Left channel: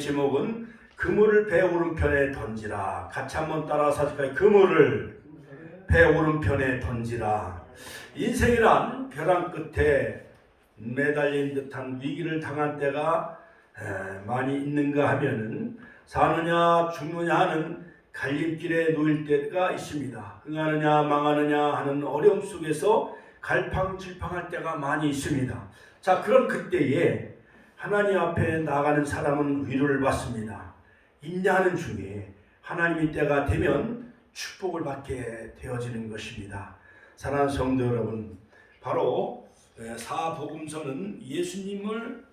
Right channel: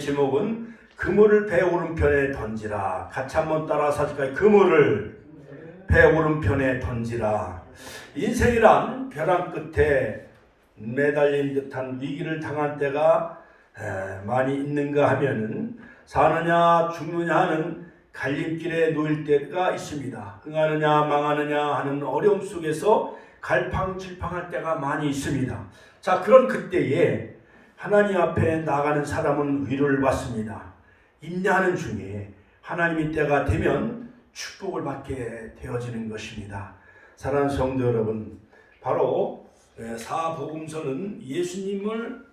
제목은 그물을 배 오른편에 던지라. 같이 한번 따라 사실까요? 그물을 배 오른편에 던지라. 인생이란 벼랑 끝에 매달린 듯한 위기를 당한 때가 많이 있는가 하면은 사느냐 죽느냐 하는 갈림길에 놓일 때가 있습니다. 흥하느냐 망하느냐 하는 어려움 속에서 갈팡질팡할 때가 많이 있습니다. 자, 그런 그때에 하나님 앞에 나가는 사람은 위로를 받습니다. 인내하는 중에 하나님의 때가 되면 축복을 받게 되어지는 것입니다. 사랑하는 성도 여러분, 바로 사복음서는 예수님을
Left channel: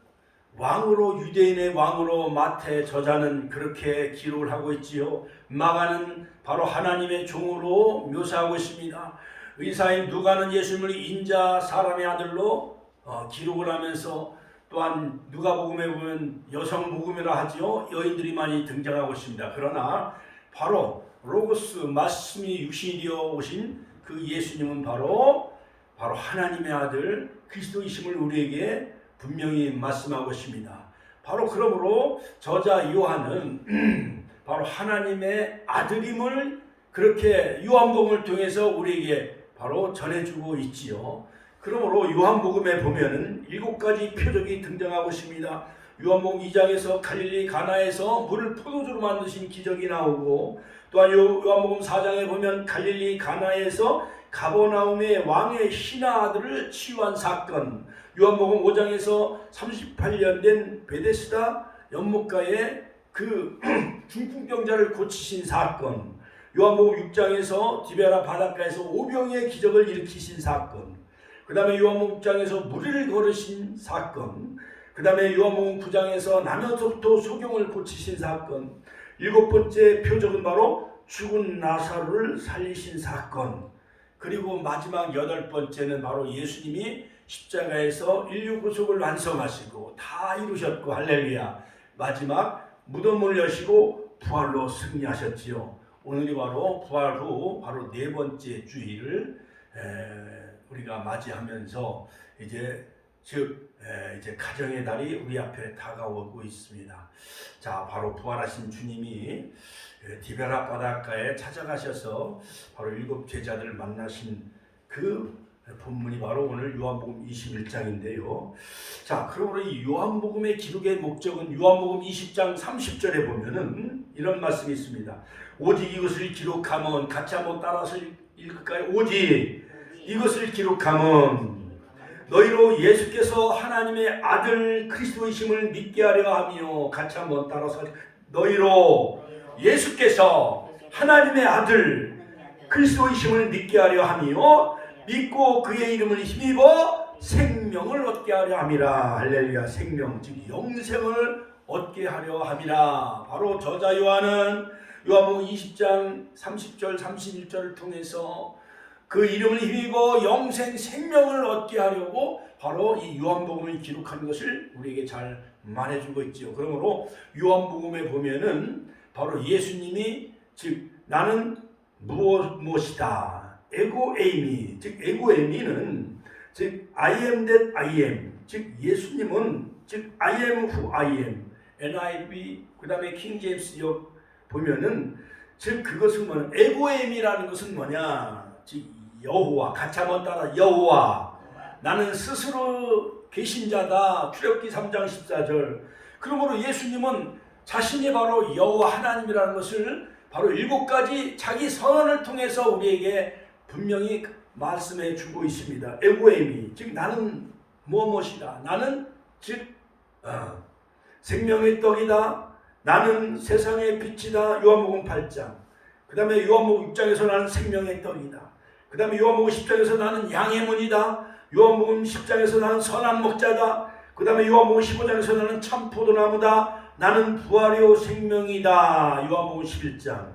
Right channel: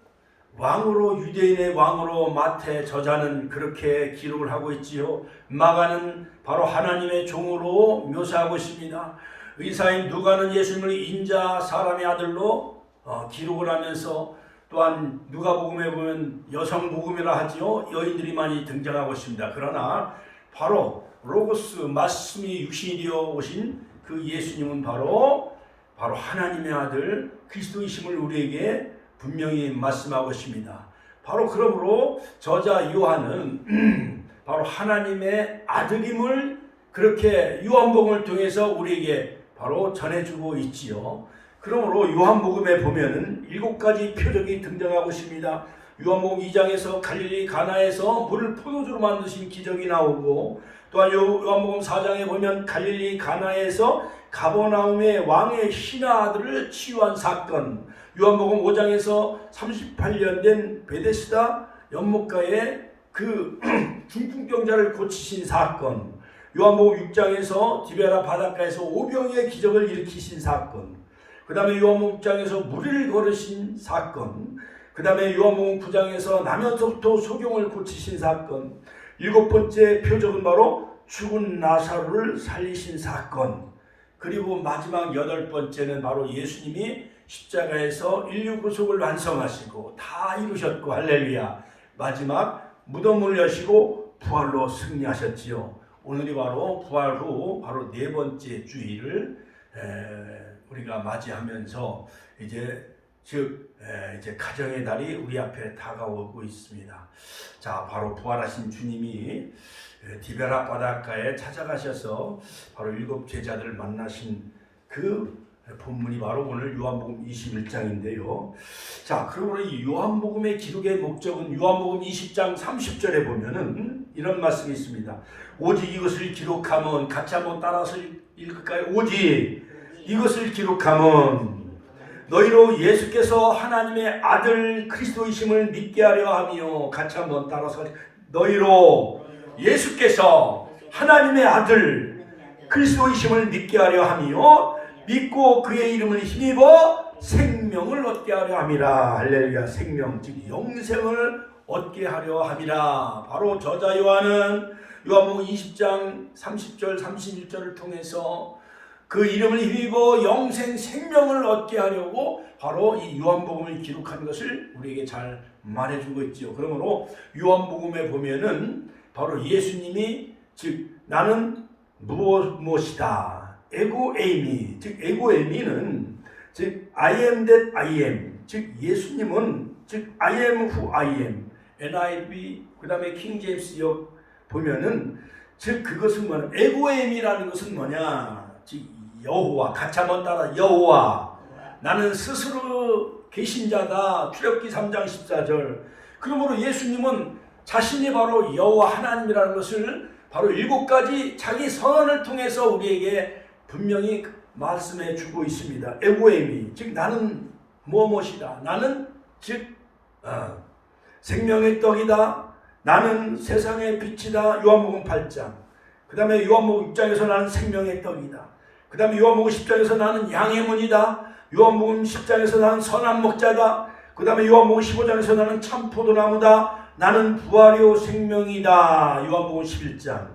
왕으로, 유대인의 왕으로 마태 저자는 그렇게 기록을 하고 있지요. 마가는 바로 하나님의 종으로 묘사하고 있습니다. 의사인 누가는 예수님을 인자 사람의 아들로 기록을 하면서, 또한 누가복음에 보면 여성복음이라 하지요. 여인들이 많이 등장하고 있습니다. 그러나 바로 로고스, 말씀이 육신이 되어 오신 그 예수님은 바로 하나님의 아들 그리스도이심을 우리에게 분명히 말씀하고 있습니다. 바로 그러므로 저자 요한은 바로 하나님의 아들임을 그렇게 요한복음을 통해서 우리에게 바로 전해주고 있지요. 그러므로 요한복음에 보면은 7가지 표적이 등장하고 있습니다. 요한복음 2장에서 갈릴리 가나에서 물을 포도주로 만드신 기적이 나오고, 또한 요한복음 4장에 보면 갈릴리 가나에서 가버나움의 왕의 신하 아들을 치유한 사건, 요한복음 5장에서 38년 된 베데스다 연못가에 그 중풍병자를 고치신 사건, 요한복음 6장에서 디베라 바닷가에서 오병이의 기적을 일으키신 사건, 그 다음에 요한복음 6장에서 무리를 걸으신 사건, 그 다음에 요한복음 9장에서 나면서부터 소경을 고치신 사건, 7번째 표적은 바로 죽은 나사로를 살리신 사건, 그리고 마지막 8번째는 바로 예수님이 십자가에서 인류 구속을 완성하시고 다 이루셨고, 할렐루야, 마지막 무덤을 여시고 부활로 승리하셨지요. 오늘이 바로 부활 후 바로 4번째 주일을 우리가 맞이하면서 이제 가정의 날이 우리 앞에 다가오고 있습니다. 자, 바로 부활하신 주님이 디베라 바닷가에 찾아가셔서 바로 7 제자들을 만나신 그 본문이 바로 오늘 요한복음 21장인데요. 자, 그러므로 이 요한복음의 기록의 목적은 요한복음 20장 30절에 보면은 이런 말씀이 있습니다. 오직 이것을 기록하면, 같이 한번 따라서 읽을까요? 오직 이것을 기록하면 너희로 예수께서 하나님의 아들 그리스도이심을 믿게 하려 하며, 같이 한번 따라서 너희로 예수께서 하나님의 아들 그리스도이심을 믿게 하려 하며 믿고 그의 이름을 힘입어 생명을 얻게 하려 함이라. 할렐루야. 생명, 즉 영생을 얻게 하려 함이라. 바로 저자 요한은 요한복음 20장 30절 31절을 통해서 그 이름을 힘입어 영생 생명을 얻게 하려고 바로 이 요한복음을 기록한 것을 우리에게 잘 말해주고 있지요. 그러므로 요한복음에 보면은 바로 예수님이, 즉 나는 무엇이다, 에고에이미, 즉 에고에이미는 즉 I am that I am, 즉 예수님은 즉 I am who I am. NIV 그 다음에 킹 제임스 역 보면은 즉 그것은 뭐냐, 에고에이미라는 것은 뭐냐, 즉 여호와, 같이 한번 따라 여호와, 나는 스스로 계신 자다. 출애굽기 3장 14절. 그러므로 예수님은 자신이 바로 여호와 하나님이라는 것을 바로 7가지 자기 선언을 통해서 우리에게 분명히 말씀해 주고 있습니다. 에고에미, 즉 나는 무엇이다, 나는 즉 생명의 떡이다, 나는 세상의 빛이다. 요한복음 8장. 그 다음에 요한복음 6장에서 나는 생명의 떡이다. 그 다음에 요한복음 10장에서 나는 양의 문이다. 요한복음 10장에서 나는 선한 목자다. 그 다음에 요한복음 15장에서 나는 참 포도나무다. 나는 부활이요 생명이다. 요한복음 11장.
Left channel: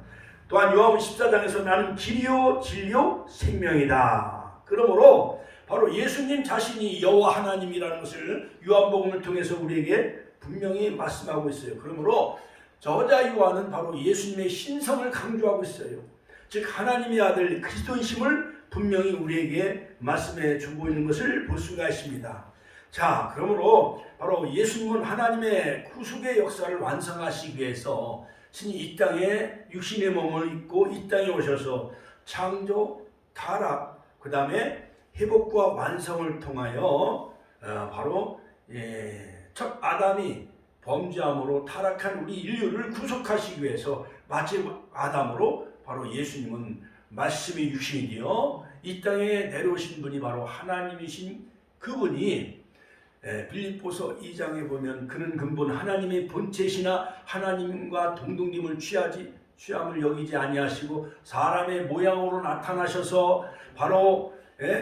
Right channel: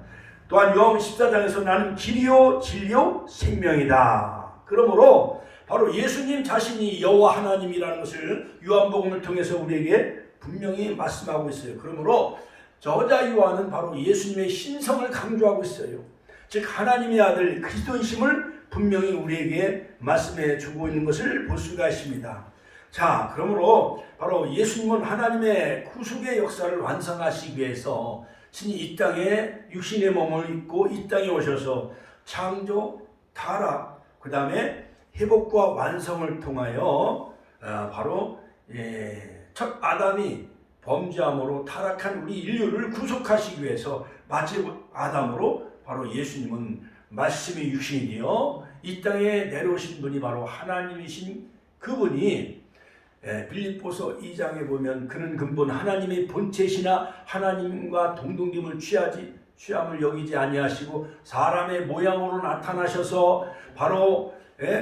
또한 요한복음 14장에서 나는 길이요 진리요 생명이다. 그러므로 바로 예수님 자신이 여호와 하나님이라는 것을 요한복음을 통해서 우리에게 분명히 말씀하고 있어요. 그러므로 저자 요한은 바로 예수님의 신성을 강조하고 있어요. 즉 하나님의 아들 그리스도이심을 분명히 우리에게 말씀해 주고 있는 것을 볼 수가 있습니다. 자, 그러므로 바로 예수님은 하나님의 구속의 역사를 완성하시기 위해서 신이 이 땅에 육신의 몸을 입고 이 땅에 오셔서 창조, 타락, 그 다음에 회복과 완성을 통하여 바로 첫 아담이 범죄함으로 타락한 우리 인류를 구속하시기 위해서 마지막 아담으로 바로 예수님은 말씀이 육신이 되어 이 땅에 내려오신 분이 바로 하나님이신 그분이 빌립보서 2장에 보면 그는 근본 하나님의 본체시나 하나님과 동등됨을 취함을 여기지 아니하시고 사람의 모양으로 나타나셔서 바로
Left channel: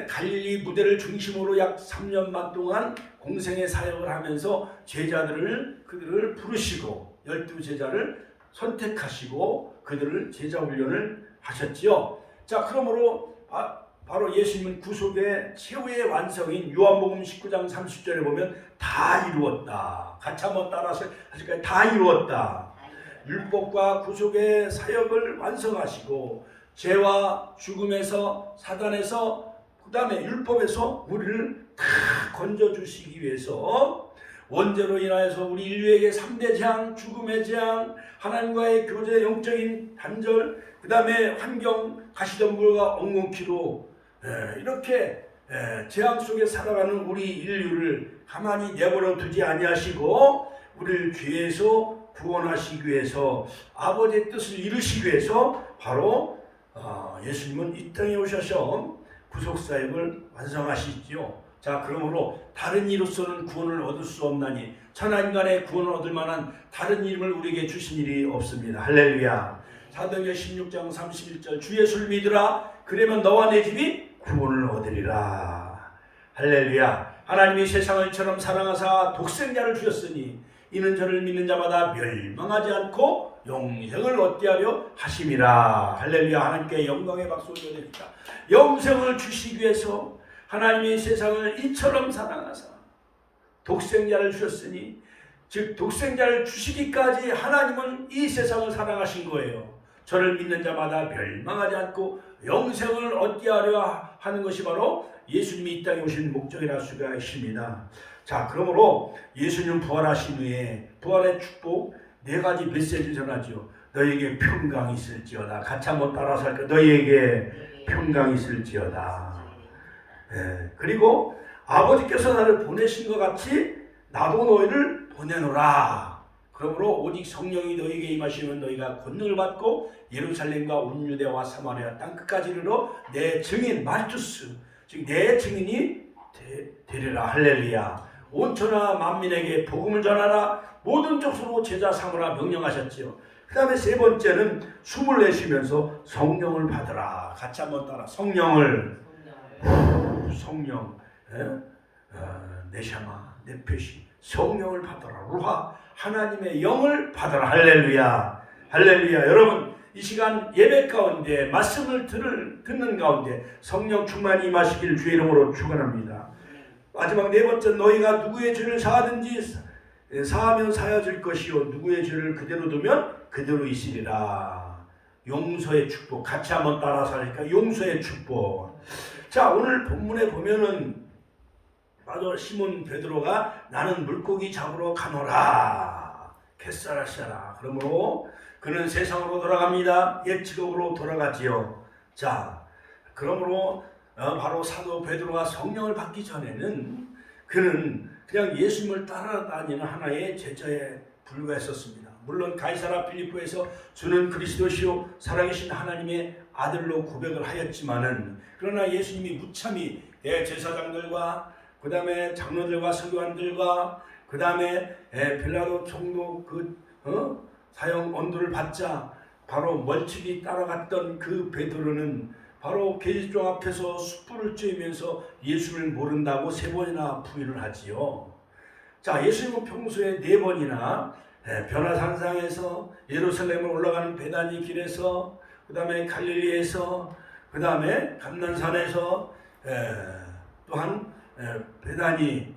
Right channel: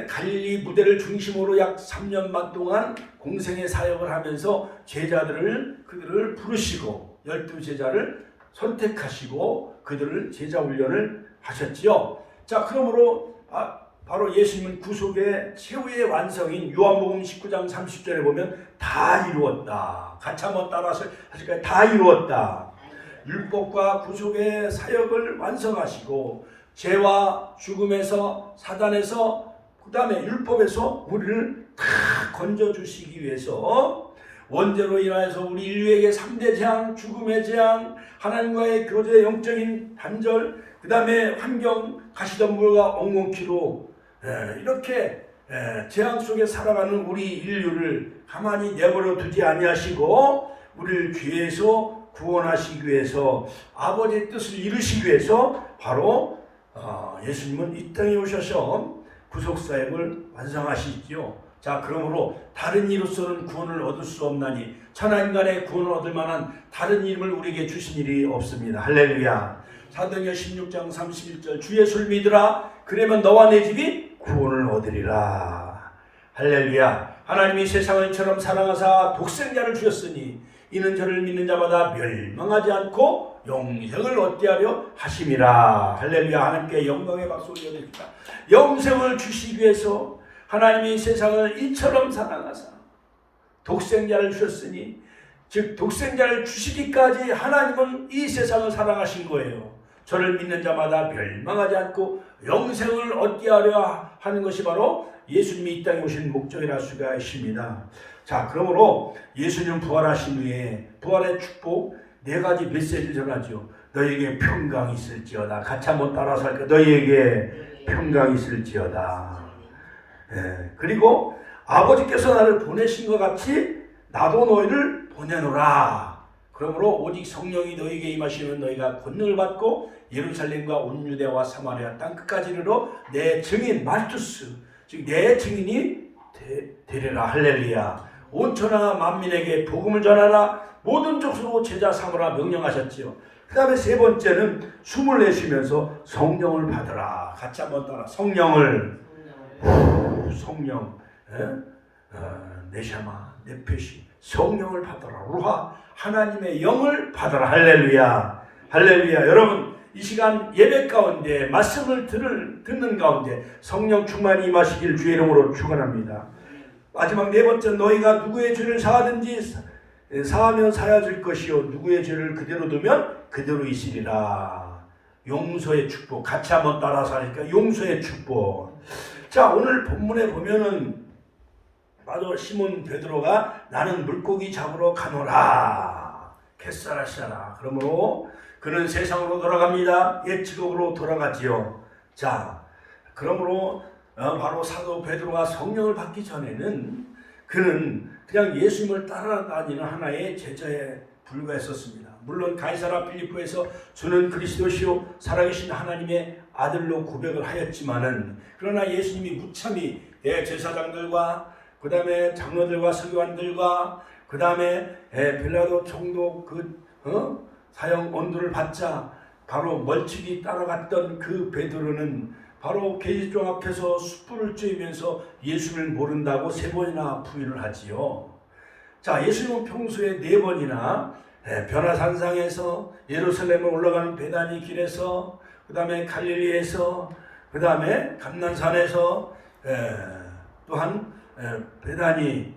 갈릴리 무대를 중심으로 약 3년 반 동안 공생의 사역을 하면서 그들을 부르시고 12제자를 선택하시고 그들을 제자 훈련을 하셨지요. 자, 그러므로 바로 예수님은 구속의 최후의 완성인 요한복음 19장 30절에 보면 다 이루었다. 같이 한번 따라서 하실까요? 다 이루었다. 율법과 구속의 사역을 완성하시고 죄와 죽음에서 사단에서 그 다음에 율법에서 우리를 다 건져주시기 위해서 원죄로 인하여서 우리 인류에게 3대 재앙, 죽음의 재앙, 하나님과의 교제 영적인 단절, 그 다음에 환경, 가시덤불과 엉겅퀴로 이렇게 재앙 속에 살아가는 우리 인류를 가만히 내버려 두지 아니하시고 우리를 죄에서 구원하시기 위해서 아버지의 뜻을 이루시기 위해서 바로 예수님은 이 땅에 오셔서 구속사역을 완성하시지요. 자, 그러므로 다른 이로서는 구원을 얻을 수 없나니 천하인간의 구원을 얻을 만한 다른 이름을 우리에게 주신 일이 없습니다. 할렐루야. 사도행전 16장 31절 주 예수를 믿으라 그러면 너와 내 집이 구원을 얻으리라. 할렐루야. 하나님이 세상을 이처럼 사랑하사 독생자를 주셨으니 이는 저를 믿는 자마다 멸망하지 않고 영생을 얻게 하려 하심이라. 할렐루야. 하나님께 영광의 박수 올려드립니다. 영생을 주시기 위해서 하나님이 세상을 이처럼 사랑하사 독생자를 주셨으니 즉 독생자를 주시기까지 하나님은 이 세상을 사랑하신 거예요. 저를 믿는 자마다 멸망하지 않고 영생을 얻게 하려 하는 것이 바로 예수님이 이 땅에 오신 목적이라 할 수가 있습니다. 자, 그러므로 예수님 부활하신 후에 부활의 축복 4가지 메시지를 전하죠. 너희에게 평강이 있을지어다. 같이 한번 따라서 할까요? 너희에게 평강이 있을지어다. 그리고 아버지께서 나를 보내신 것 같이 나도 너희를 보내노라. 그러므로 오직 성령이 너희에게 임하시면 너희가 권능을 받고 예루살렘과 온 유대와 사마리아 땅 끝까지 이르러 내 증인 말투스 즉 내 증인이 되리라. 할렐루야. 온 천하 만민에게 복음을 전하라. 모든 족속으로 제자 삼으라 명령하셨지요. 그 다음에 3번째는 숨을 내쉬면서 성령을 받으라. 같이 한번 따라 성령 네샤마 네페시 성령을 받아라. 루하 하나님의 영을 받아라. 할렐루야. 할렐루야. 여러분 이 시간 예배 가운데 말씀을 듣는 가운데 성령 충만히 임하시길 주의 이름으로 축원합니다. 마지막 4번째 너희가 누구의 죄를 사하든지 사하면 사여질 것이요 누구의 죄를 그대로 두면 그대로 있으리라. 용서의 축복. 같이 한번 따라서 하니까 용서의 축복. 자, 오늘 본문에 보면은 바로 시몬 베드로가 나는 물고기 잡으러 가노라. 겟세라시라. 그러므로 그는 세상으로 돌아갑니다. 옛 직업으로 돌아가지요. 자, 그러므로 바로 사도 베드로가 성령을 받기 전에는 그는 그냥 예수님을 따라다니는 하나의 제자에 불과했었습니다. 물론 가이사라 필리포에서 주는 그리스도시요 살아계신 하나님의 아들로 고백을 하였지만은 그러나 예수님이 무참히 대제사장들과 그 다음에 장로들과 서기관들과 그 다음에 빌라도 총독 사형 언도를 받자 바로 멀찍이 따라갔던 그 베드로는 바로 계집종 앞에서 숯불을 쬐면서 예수를 모른다고 3번이나 부인을 하지요. 자, 예수님은 평소에 4번이나 변화산상에서 예루살렘을 올라가는 베다니 길에서 그 다음에 갈릴리에서 그 다음에 감난산에서 또한 베다니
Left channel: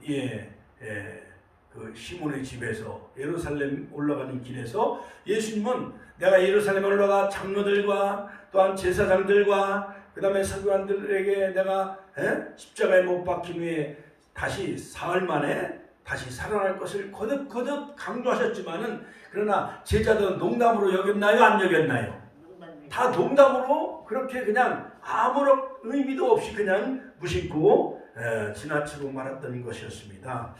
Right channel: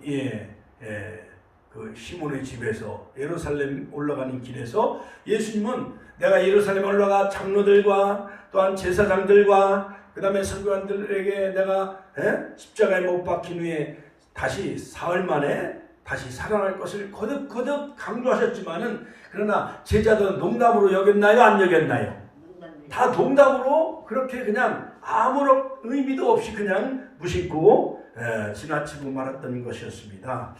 그 시몬의 집에서 예루살렘 올라가는 길에서 예수님은 내가 예루살렘에 올라가 장로들과 또한 제사장들과 그 다음에 서기관들에게 내가 십자가에 못 박힌 후에 다시 사흘 만에 다시 살아날 것을 거듭거듭 강조하셨지만은 그러나 제자들은 농담으로 여겼나요? 안 여겼나요? 다 농담으로 그렇게 그냥 아무런 의미도 없이 그냥 무심코 지나치고 말았던 것이었습니다.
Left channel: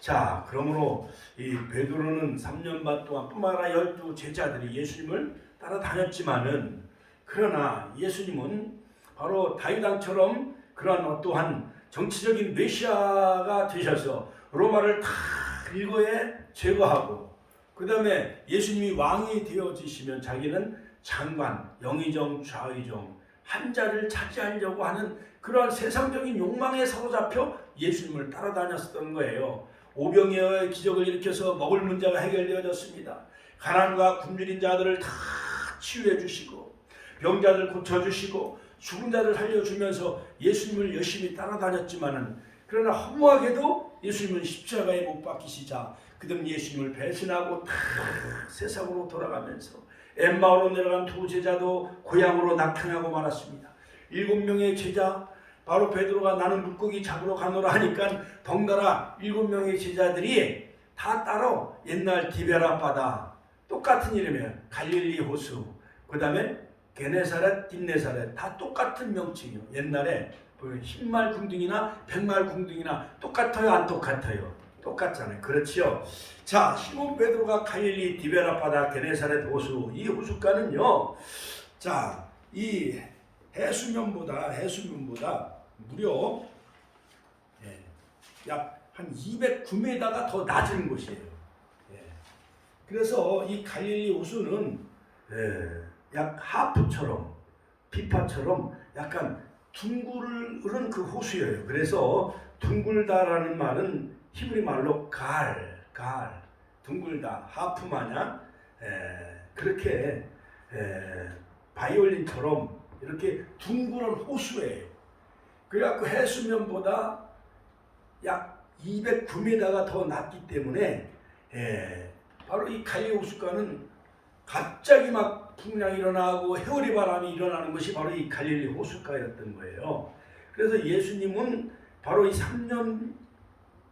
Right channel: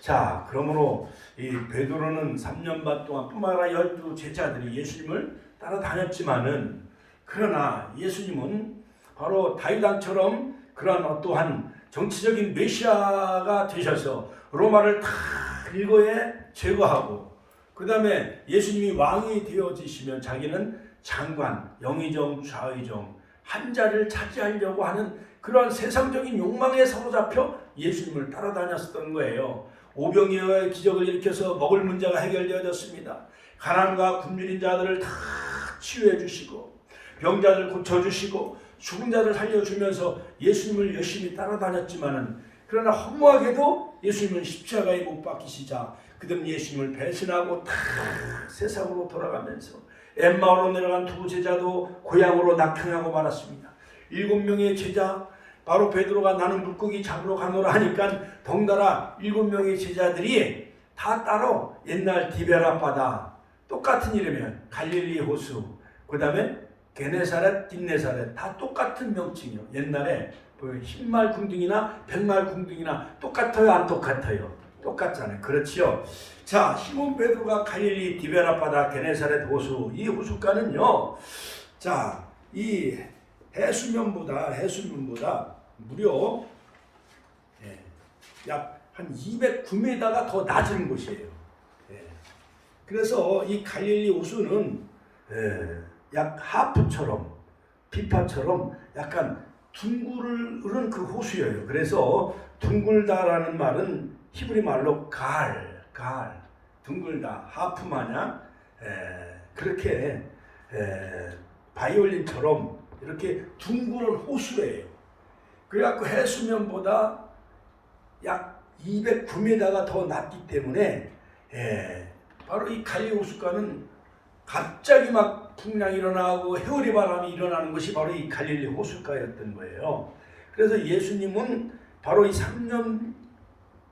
자, 그러므로 이 베드로는 3년 반 동안 뿐만 아니라 12 제자들이 예수님을 따라다녔지만은 그러나 예수님은 바로 다윗 왕처럼 그러한 어떠한 정치적인 메시아가 되셔서 로마를 다 일거에 제거하고 그 다음에 예수님이 왕이 되어지시면 자기는 장관, 영의정, 좌의정 한 자리를 차지하려고 하는 그러한 세상적인 욕망에 사로잡혀 예수님을 따라다녔던 거예요. 오병이어의 기적을 일으켜서 먹을 문제가 해결되어졌습니다. 가난과 굶주린 자들을 다 치유해 주시고 병자들 고쳐주시고 죽은 자를 살려주면서 예수님을 열심히 따라다녔지만은 그러나 허무하게도 예수님은 십자가에 못 박히시자 그들은 예수님을 배신하고 다 세상으로 돌아가면서 엠마오로 내려간 두 제자도 고향으로 낙향하고 말았습니다. 7명의 제자 바로 베드로가 나는 물고기 잡으러 가노라 하니까 덩달아 7명의 제자들이 다 따로 옛날 디베라 바다 똑같은 이름이에요. 갈릴리 호수 그 다음에 게네사렛, 딘네사렛 다 똑같은 명칭이요. 옛날에 흰말 궁둥이나 백말 궁둥이나 똑같아요? 안 똑같아요? 똑같잖아요. 그렇지요. 자, 시몬 베드로가 갈릴리 디베라 바다 게네사렛 호수 이 호숫가는요. 자, 이 해수면보다 무려 약 한 209m가 더 낮은 곳이에요. 그래서 이 갈릴리 호수는 약 하프처럼 비파처럼 약간 둥글은 그 호수예요. 그래서 둥글다라는 말은 히브리 말로 둥글다 하프 마냥 그렇게 바이올린처럼 이렇게 둥그런 호수예요. 그래갖고 해수면보다 약 209m가 더 낮기 때문에 바로 이 갈릴리 호숫가는 갑자기 막 풍랑이 일어나고 해오리 바람이 일어나는 것이 바로 이 갈릴리 호숫가였던 거예요. 그래서 예수님은 바로 이 3년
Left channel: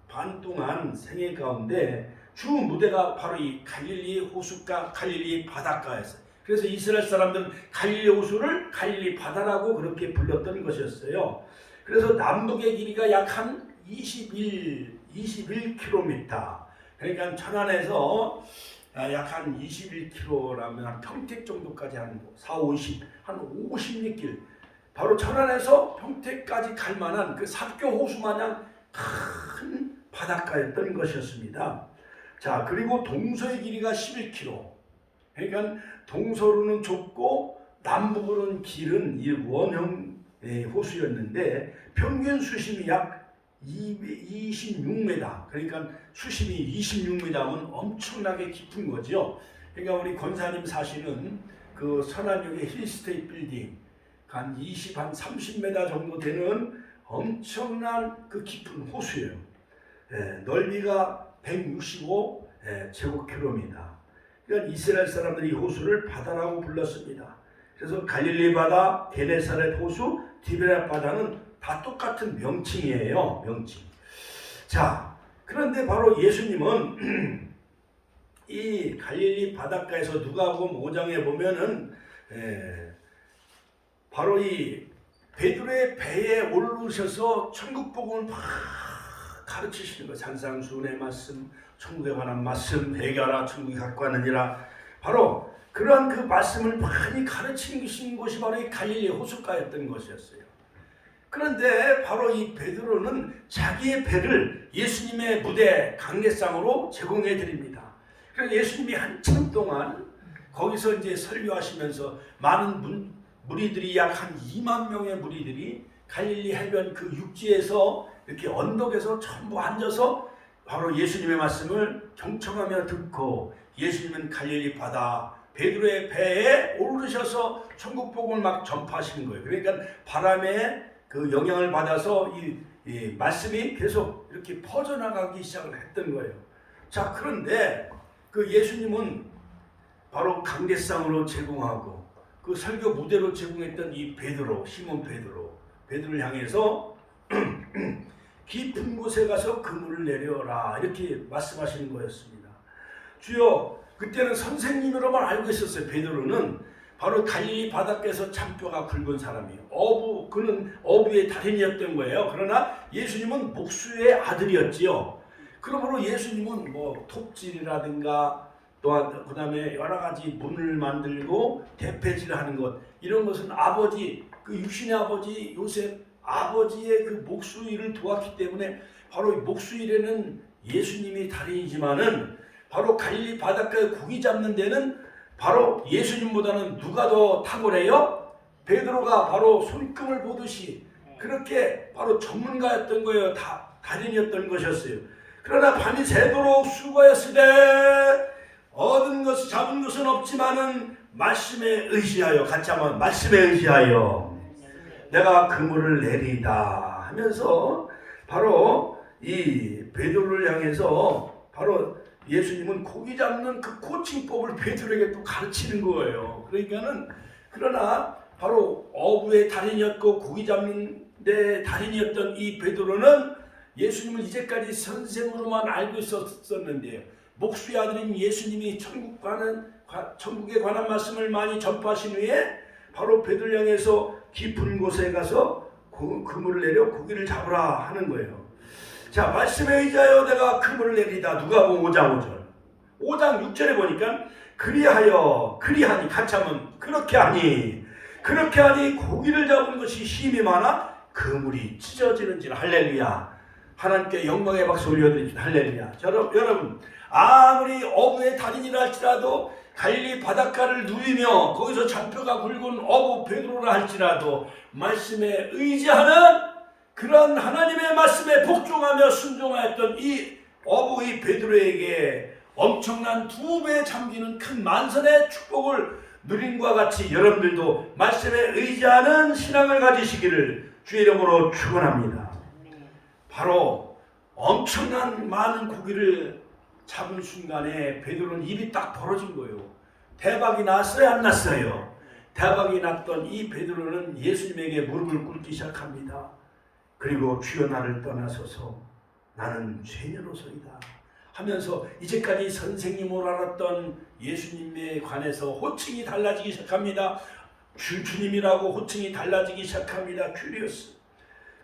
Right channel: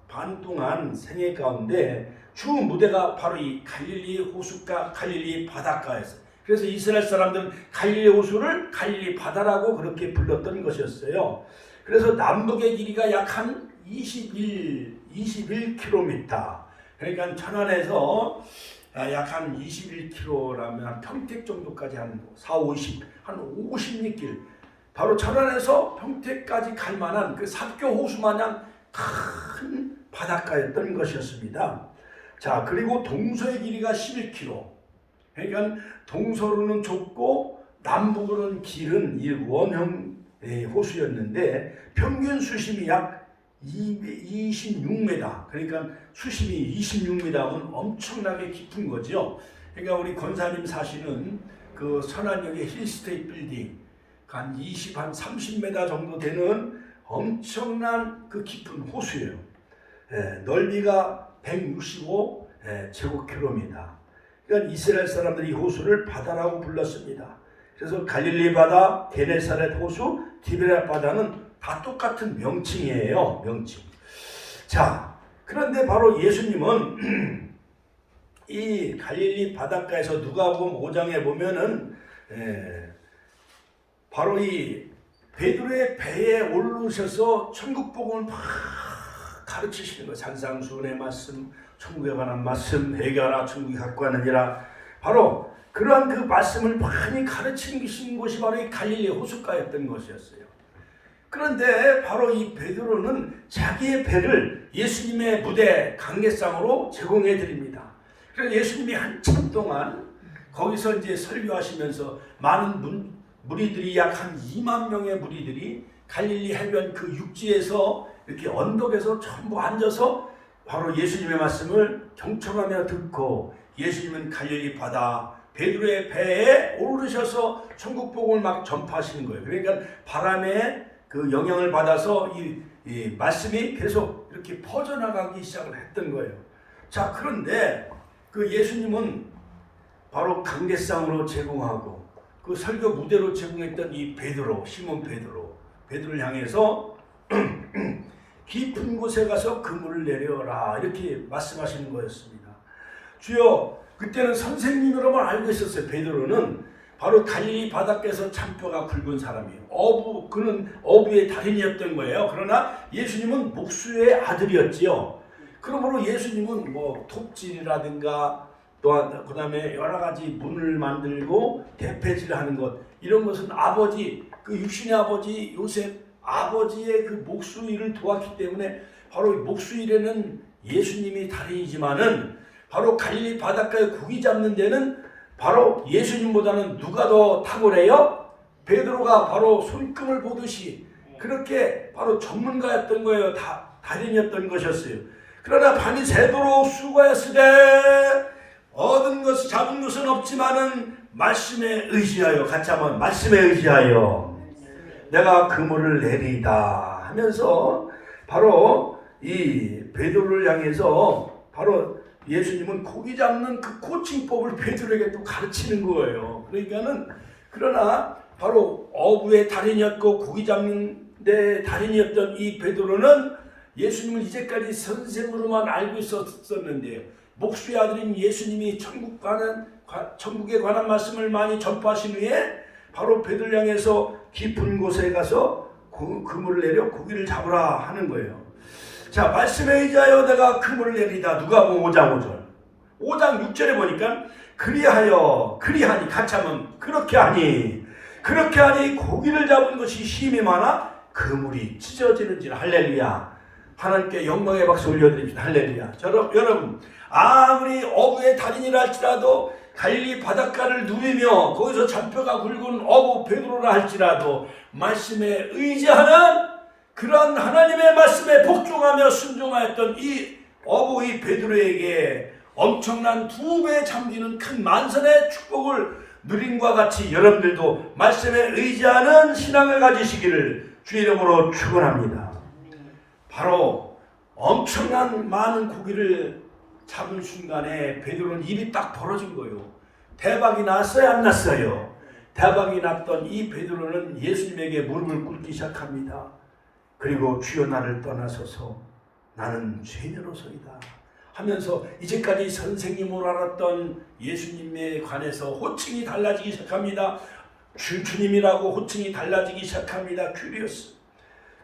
반 동안 생애 가운데 주 무대가 바로 이 갈릴리 호숫가, 갈릴리 바닷가였어요. 그래서 이스라엘 사람들은 갈릴리 호수를 갈릴리 바다라고 그렇게 불렀던 것이었어요. 그래서 남북의 길이가 약 한 21km. 그러니까 천안에서 약 한 21km라면 한 평택 정도까지 한 50, 한 50리길. 바로 천안에서 평택까지 갈 만한 그 삽교 호수 마냥 큰 바닷가였던 것이었습니다. 자, 그리고 동서의 길이가 11km. 그러니까 동서로는 좁고 남북으로는 길은 이 원형 호수였는데 평균 수심이 약 26m. 그러니까 수심이 26m면 엄청나게 깊은 거죠. 그러니까 우리 권사님 사시는 그 선안역의 힐스테이트 빌딩 한 30m 정도 되는 엄청난 그 깊은 호수예요. 넓이가 165 제곱킬로미터. 그러니까 이스라엘 사람들이 이 호수를 바다라고 불렀습니다. 그래서 갈릴리 바다, 게네사렛 호수, 디베라 바다는 다 똑같은 명칭이에요. 명칭. 자, 그런데 바로 예수님은 이 갈릴리 바닷가에서 누가복음 5장에 보면은 바로 이 베드로의 배에 오르셔서 천국 복음을 막 가르치시는 거. 산상수훈의 말씀, 천국에 관한 말씀, 해결하라 천국이 갖고 가느니라. 바로 그러한 그 말씀을 많이 가르치는 것이 바로 이 갈릴리 호숫가였던 것이었어요. 그런데 바로 이 베드로는 자기의 배를 예수님의 무대 강례상으로 제공해 드립니다. 그래서 예수님이 한참 동안 거기서 이제 설교하시면서 많은 무리들이 약 한 2만 명의 무리들이 갈릴리 해변 그 육지에서 이렇게 언덕에서 전부 앉아서 바로 예수님의 말씀을 경청하며 듣고 예수님은 갈릴리 바다 베드로의 배에 오르셔서 천국 복음을 막 전파하시는 거예요. 그러니까 바람의 그 영향을 받아서 이 말씀이 계속 이렇게 퍼져나가기 시작을 했던 거예요. 자, 그런데 그 예수님은 바로 강대상으로 제공하고 그 설교 무대로 제공했던 이 베드로, 시몬 베드로를 향해서 깊은 곳에 가서 그물을 내려라 이렇게 말씀하시는 거였습니다. 주여, 그때는 선생님으로만 알고 있었어요. 베드로는 바로 갈릴리 바닷가에서 잔뼈가 굵은 사람이에요. 그는 어부의 달인이었던 거예요. 그러나 예수님은 목수의 아들이었지요. 그러므로 예수님은 뭐 톱질이라든가 또한 그 다음에 여러 가지 문을 만들고 대패질을 하는 것, 이런 것은 아버지, 그 육신의 아버지 요셉 아버지의 그 목수 일을 도왔기 때문에 바로 목수 일에는 예수님이 달인이지만은 바로 갈릴리 바닷가에 고기 잡는 데는 바로 예수님보다는 누가 더 탁월해요? 베드로가 바로 손금을 보듯이 그렇게 바로 전문가였던 거예요. 달인이었던 것이었어요. 그러나 밤이 새도록 수고했을 때 얻은 것을 잡은 것은 없지만은 말씀에 의지하여, 같이 한번 말씀에 의지하여 내가 그물을 내리다 하면서 바로 이 베드로를 향해서 바로 예수님은 고기 잡는 그 코칭법을 베드로에게 또 가르치는 거예요. 그러니까는 그러나 바로 어부의 달인이었고 고기 잡는 데 달인이었던 이 베드로는 예수님을 이제까지 선생으로만 알고 있었는데 목수의 아들인 예수님이 천국에 관한 말씀을 많이 전파하신 후에 바로 베드로를 향해서 깊은 곳에 가서 그물을 내려 고기를 잡으라 하는 거예요. 자, 말씀에 의지하여 내가 그물을 내리다. 누가복음 5장 5절. 5장 6절에 보니까 그리하니, 같이 하면 그렇게 하니 고기를 잡은 것이 힘이 많아 그물이 찢어지는지라. 할렐루야. 하나님께 영광의 박수 올려드립니다. 할렐루야. 여러분, 아무리 어부의 달인이라 할지라도 갈릴리 바닷가를 누비며 거기서 잔뼈가 굵은 어부 베드로라 할지라도 말씀에 의지하는 그런 하나님의 말씀에 복종하며 순종하였던 이 어부 이 베드로에게 엄청난 2배 잠기는 큰 만선의 축복을 누림과 같이 여러분들도 말씀에 의지하는 신앙을 가지시기를 주의 이름으로 축원합니다. 바로 엄청난 많은 고기를 잡은 순간에 베드로는 입이 딱 벌어진 거예요. 대박이 났어요, 안 났어요? 대박이 났던 이 베드로는 예수님에게 무릎을 꿇기 시작합니다. 그리고 주여 나를 떠나소서 나는 죄인으로소이다 하면서 이제까지 선생님으로 알았던 예수님에 관해서 호칭이 달라지기 시작합니다. 주님이라고 호칭이 달라지기 시작합니다. 큐리오스.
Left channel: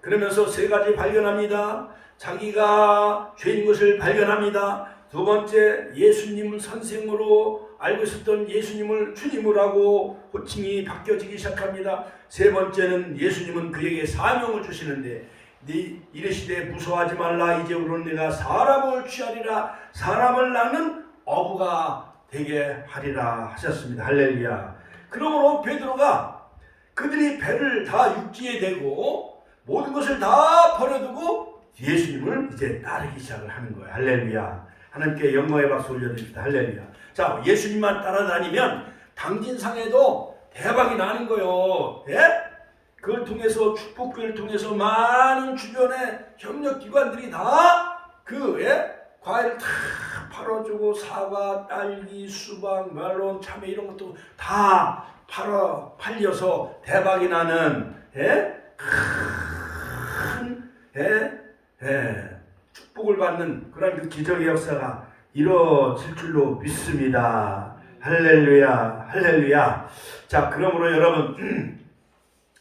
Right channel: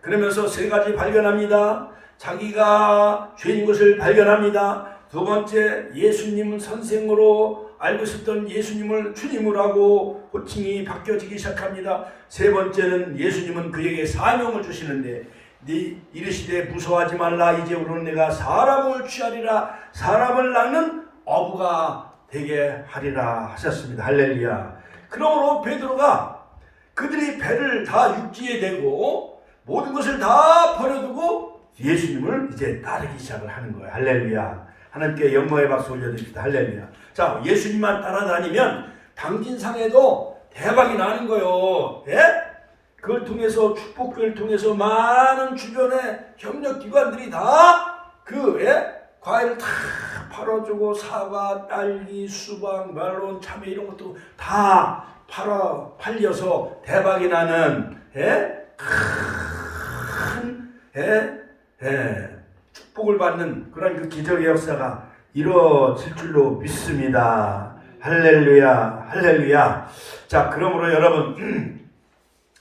그러면서 3가지 발견합니다. 자기가 죄인 것을 발견합니다. 2번째, 예수님은 선생으로 알고 있었던 예수님을 주님으로 하고 호칭이 바뀌어지기 시작합니다. 3번째는 예수님은 그에게 사명을 주시는데 이르시되 무서워하지 말라. 이제부로는 내가 사람을 취하리라. 사람을 낳는 어부가 되게 하리라 하셨습니다. 할렐루야. 그러므로 베드로가 그들이 배를 다 육지에 대고 모든 것을 다 버려두고 예수님을 이제 따르기 시작을 하는 거예요. 할렐루야. 하나님께 영광의 박수 올려드립니다. 할렐루야. 자, 예수님만 따라다니면 당진상에도 대박이 나는 거예요. 예? 그걸 통해서 축복교를 통해서 많은 주변의 협력기관들이 다 과일을 다 팔아주고 사과, 딸기, 수박, 멜론, 참외 이런 것도 다 팔려서 대박이 나는 축복을 받는 그런 그 기적의 역사가 이루어질 줄로 믿습니다. 할렐루야, 할렐루야. 자, 그러므로 여러분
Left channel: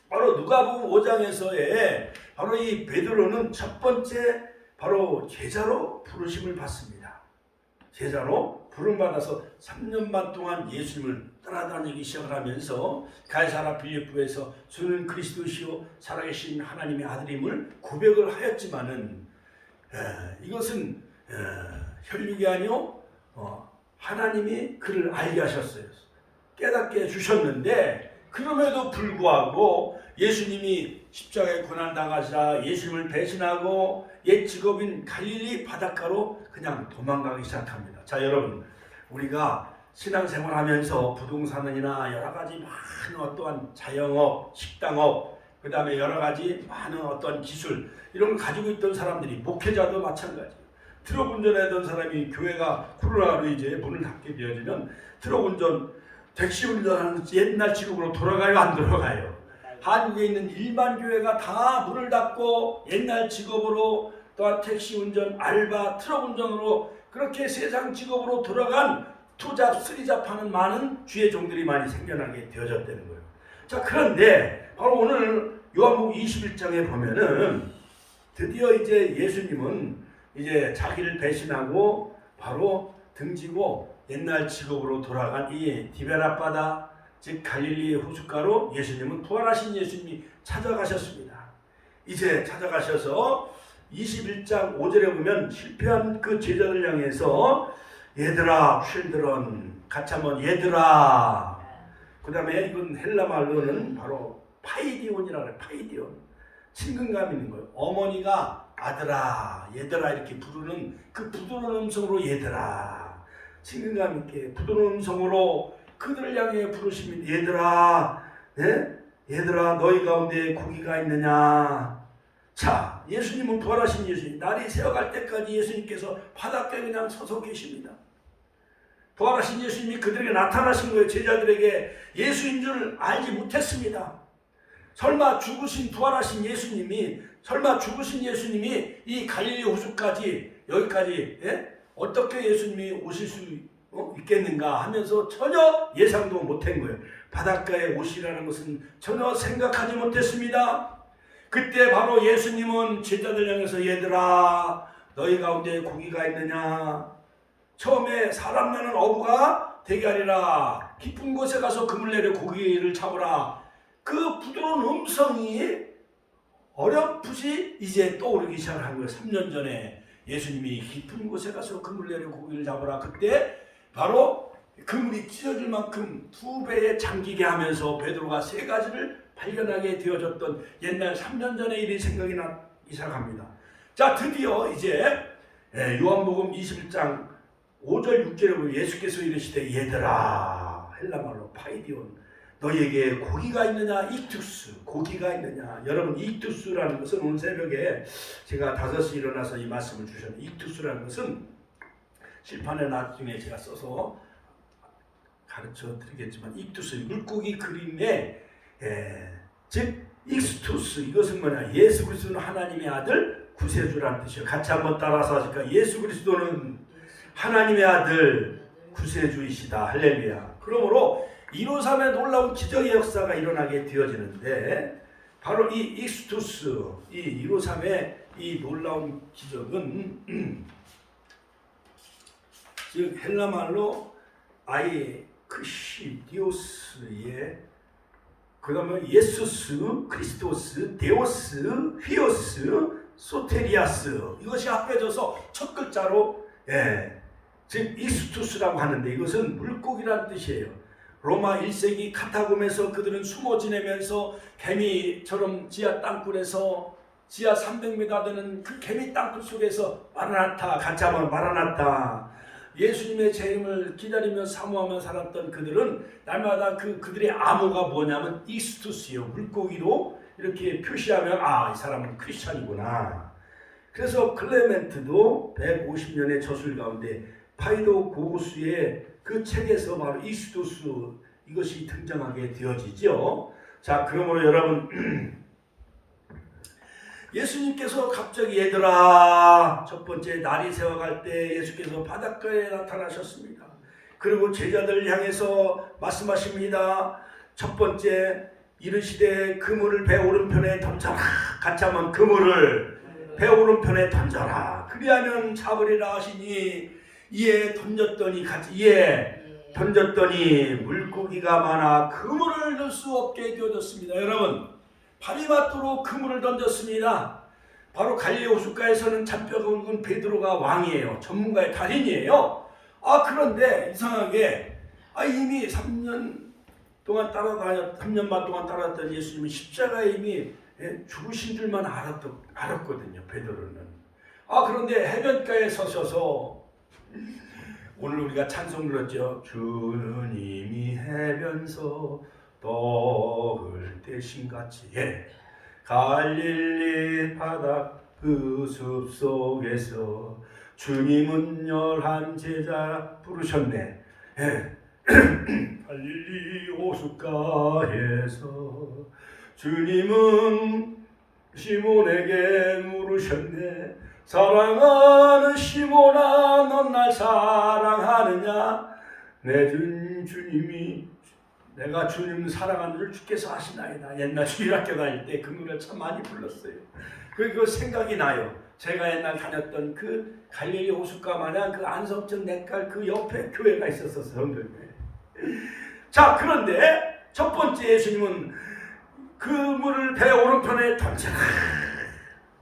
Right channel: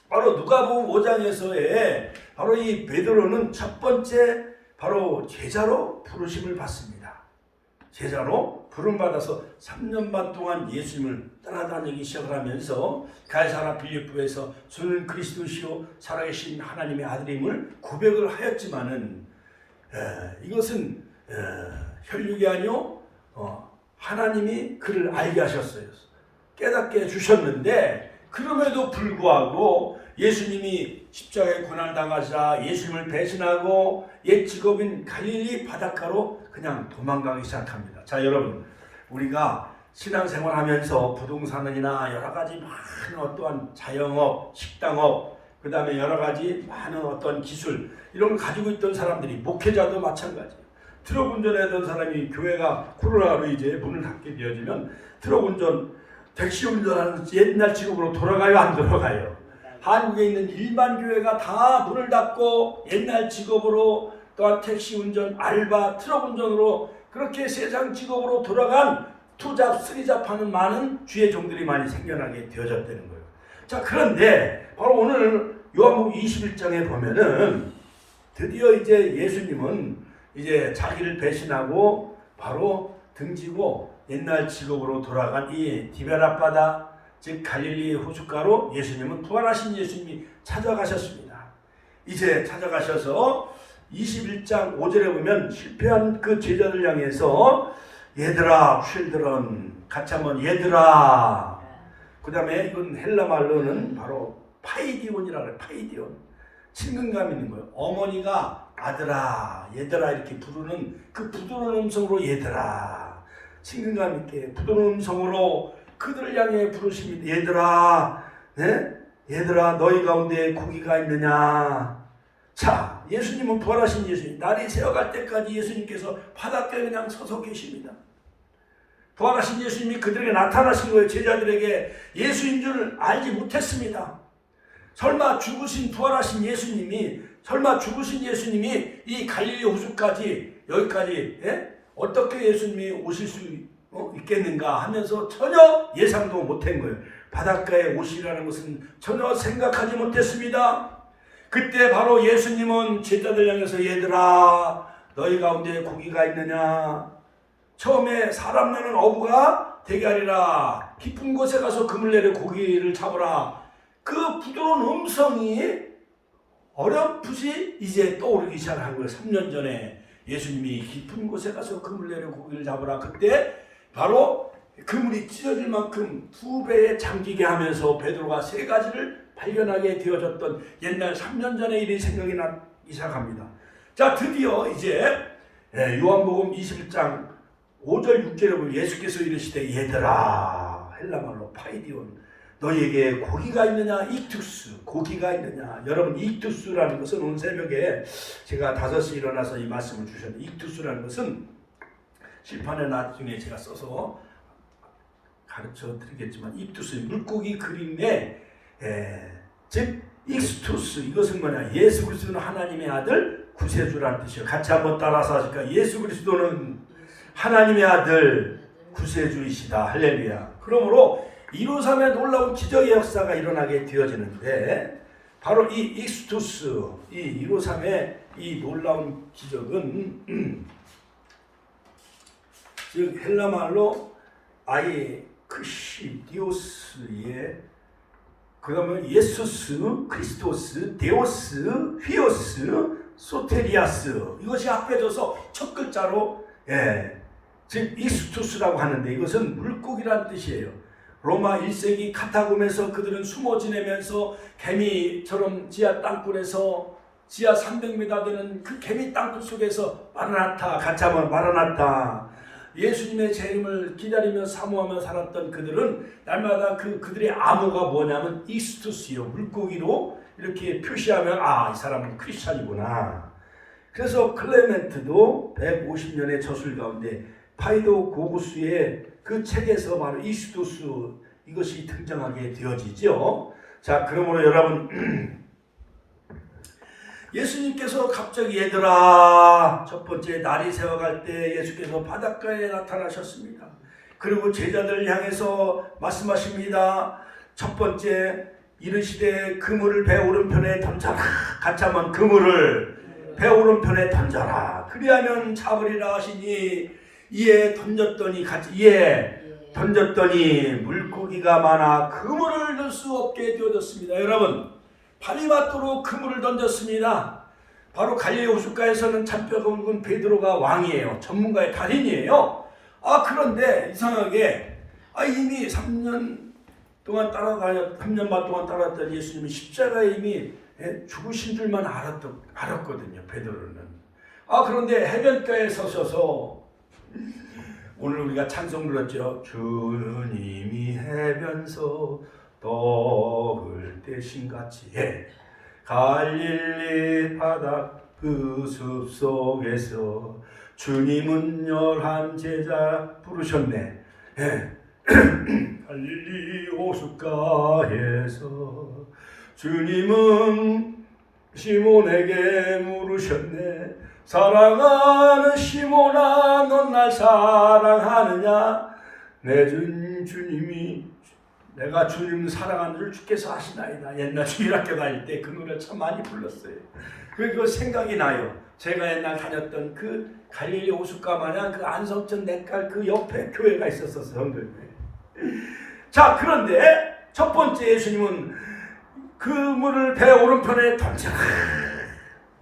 바로 누가복음 5장에서의 바로 이 베드로는 첫 번째 바로 제자로 부르심을 받습니다. 제자로 부름받아서 3년 반 동안 예수님을 따라다니기 시작을 하면서 가이사랴 빌립보에서 주는 그리스도시요 살아계신 하나님의 아들임을 고백을 하였지만은 이것은 혈육이 아니요 하나님이 그를 알게 하셨어요. 깨닫게 해주셨는데 그럼에도 불구하고 예수님이 십자가에 고난당하시라 예수님을 배신하고 옛 직업인 갈릴리 바닷가로 그냥 도망가기 시작합니다. 자, 여러분, 우리가 신앙생활 하면서 부동산이나 여러 가지 많은 어떠한 자영업, 식당업, 그 다음에 여러 가지 많은 어떤 기술 이런 걸 가지고 있던 사람들이, 목회자도 마찬가지예요. 트럭 운전하던 사람이 교회가 코로나로 이제 문을 닫게 되어지면 트럭 운전, 택시 운전하는 옛날 직업으로 돌아가요, 안 돌아가요? 한국에 있는 일반 교회가 다 문을 닫고 옛날 직업으로 또한 택시 운전, 알바, 트럭 운전으로 그렇게 세상 직업으로 돌아간 투잡, 쓰리잡하는 많은 주의 종들이 많이 생겨나게 되어졌다는 거예요. 자, 그런데 바로 오늘 요한복음 21장에 보면은 드디어 이제 예수님은 이제 자기를 배신하고 바로 등지고 옛날 직업으로 돌아간 이 디베라 바다, 즉 갈릴리 호숫가로 예수님은 부활하신 예수님이 찾아가셨습니다. 이제 찾아가셔서 21장 5절에 보면 실패한 그 제자들 향해서 얘들아, 쉴드런, 같이 한번 얘들아. 그 다음에 이건 헬라 말로는 바로 파이디온이라고 해요. 파이디온. 친근감 있는 거예요. 어머니가 아들아, 얘들아 이렇게 부르는 그 부드러운 음성으로 얘들아. 친근감 있게 부드러운 음성으로 그들을 향해 부르십니다. 얘들아, 네? 얘들아 너희 가운데 고기가 있느냐. 자, 예수님은 부활하신 예수님, 날이 새어갈 때까지 예수님께서 바닷가에 그냥 서서 계십니다. 부활하신 예수님이 그들에게 나타나신 거예요. 제자들에게 예수인 줄 알지 못했습니다. 설마 죽으신 부활하신 예수님이, 이 갈릴리 호수까지 여기까지 어떻게 예수님이 오실 수 있겠는가 하면서 전혀 예상도 못한 거예요. 바닷가에 오시라는 것은 전혀 생각하지 못했습니다. 그때 바로 예수님은 제자들 향해서 얘들아 너희 가운데 고기가 있느냐. 처음에 사람 나는 어부가 되게 하리라. 깊은 곳에 가서 그물 내려 고기를 잡으라. 그 부드러운 음성이 어렴풋이 이제 떠오르기 시작한 거예요. 3년 전에 예수님이 깊은 곳에 가서 그물 내려 고기를 잡으라. 그때 바로 그물이 찢어질 만큼 2배에 잠기게 하면서 베드로가 3가지를 발견하게 되어졌던 옛날 3년 전의 일이 생각이 나기 시작합니다. 자, 드디어 이제 요한복음 21장 5절 6절에 보면 예수께서 이르시되 얘들아, 헬라말로 파이디온, 너희에게 고기가 있느냐. 익투스, 고기가 있느냐. 여러분, 익투스라는 것은 오늘 새벽에 제가 5시 일어나서 이 말씀을 주셨는데, 익투스라는 것은 실판에 나중에 제가 써서 가르쳐 드리겠지만, 익투스, 물고기 그림에 즉 익스투스, 이것은 뭐냐. 예수 그리스도는 하나님의 아들 구세주라는 뜻이에요. 같이 한번 따라서 하실까요? 예수 그리스도는 하나님의 아들 구세주이시다. 할렐루야. 그러므로 153의 놀라운 기적의 역사가 일어나게 되어지는데, 바로 이 익스투스, 이 153의 이 놀라운 기적은 즉 헬라말로 아예 크시디오스의, 그러면 예수스, 크리스토스, 데오스, 휘오스, 소테리아스, 이것이 합해져서 첫 글자로 즉 익스투스라고 하는데, 이것은 물고기란 뜻이에요. 로마 1세기 카타콤에서 그들은 숨어 지내면서 개미처럼 지하 땅굴에서 지하 300m 되는 그 개미 땅굴 속에서 마라나타, 같이 한번 마라나타, 예수님의 재림을 기다리며 사모하며 살았던 그들은 날마다 그들의 암호가 뭐냐면 익스투스요, 물고기로 이렇게 표시하면 이 사람은 크리스찬이구나. 그래서 클레멘트도 150년의 저술 가운데 파이도 고구수의 그 책에서 바로 익스투스, 이것이 등장하게 되어지죠. 자, 그러므로 여러분, 예수님께서 갑자기 얘들아, 첫 번째 날이 새어갈 때 예수께서 바닷가에 나타나셨습니다. 그리고 제자들 향해서 말씀하십니다. 첫 번째, 이르시되 그물을 배 오른편에 던져라. 같이 한번 그물을 배 오른편에 던져라. 그리하면 잡으리라 하시니, 이에 던졌더니 물고기가 많아 그물을 넣을 수 없게 되어졌습니다. 여러분, 발이 맞도록 그물을 던졌습니다. 바로 갈릴리 호숫가에서는 잡혀가 온 베드로가 왕이에요. 전문가의 달인이에요. 그런데 이상하게 이미 3년 반 동안 따라다녔던 예수님이 십자가에 이미 죽으신 줄만 알았거든요. 베드로는. 그런데 해변가에 서셔서, 오늘 우리가 찬송 들었죠. 주님이 해변서 떡을 대신같이, 갈릴리 바다 그 숲속에서 주님은 11 제자 부르셨네. 갈릴리 호숫가에서 주님은 시몬에게 물으셨네. 사랑하는 시몬아 넌 날 사랑하느냐 내 주님이 내가 주님을 사랑하는 줄 주께서 아시나이다. 옛날 주일학교 다닐 때 그 노래를 참 많이 불렀어요. 그 생각이 나요. 제가 옛날 다녔던 그 갈릴리 호숫가 마냥 그 안성천 냇갈 그 옆에 교회가 있었어서 자, 그런데 첫 번째 예수님은 그물을 배 오른편에 던져라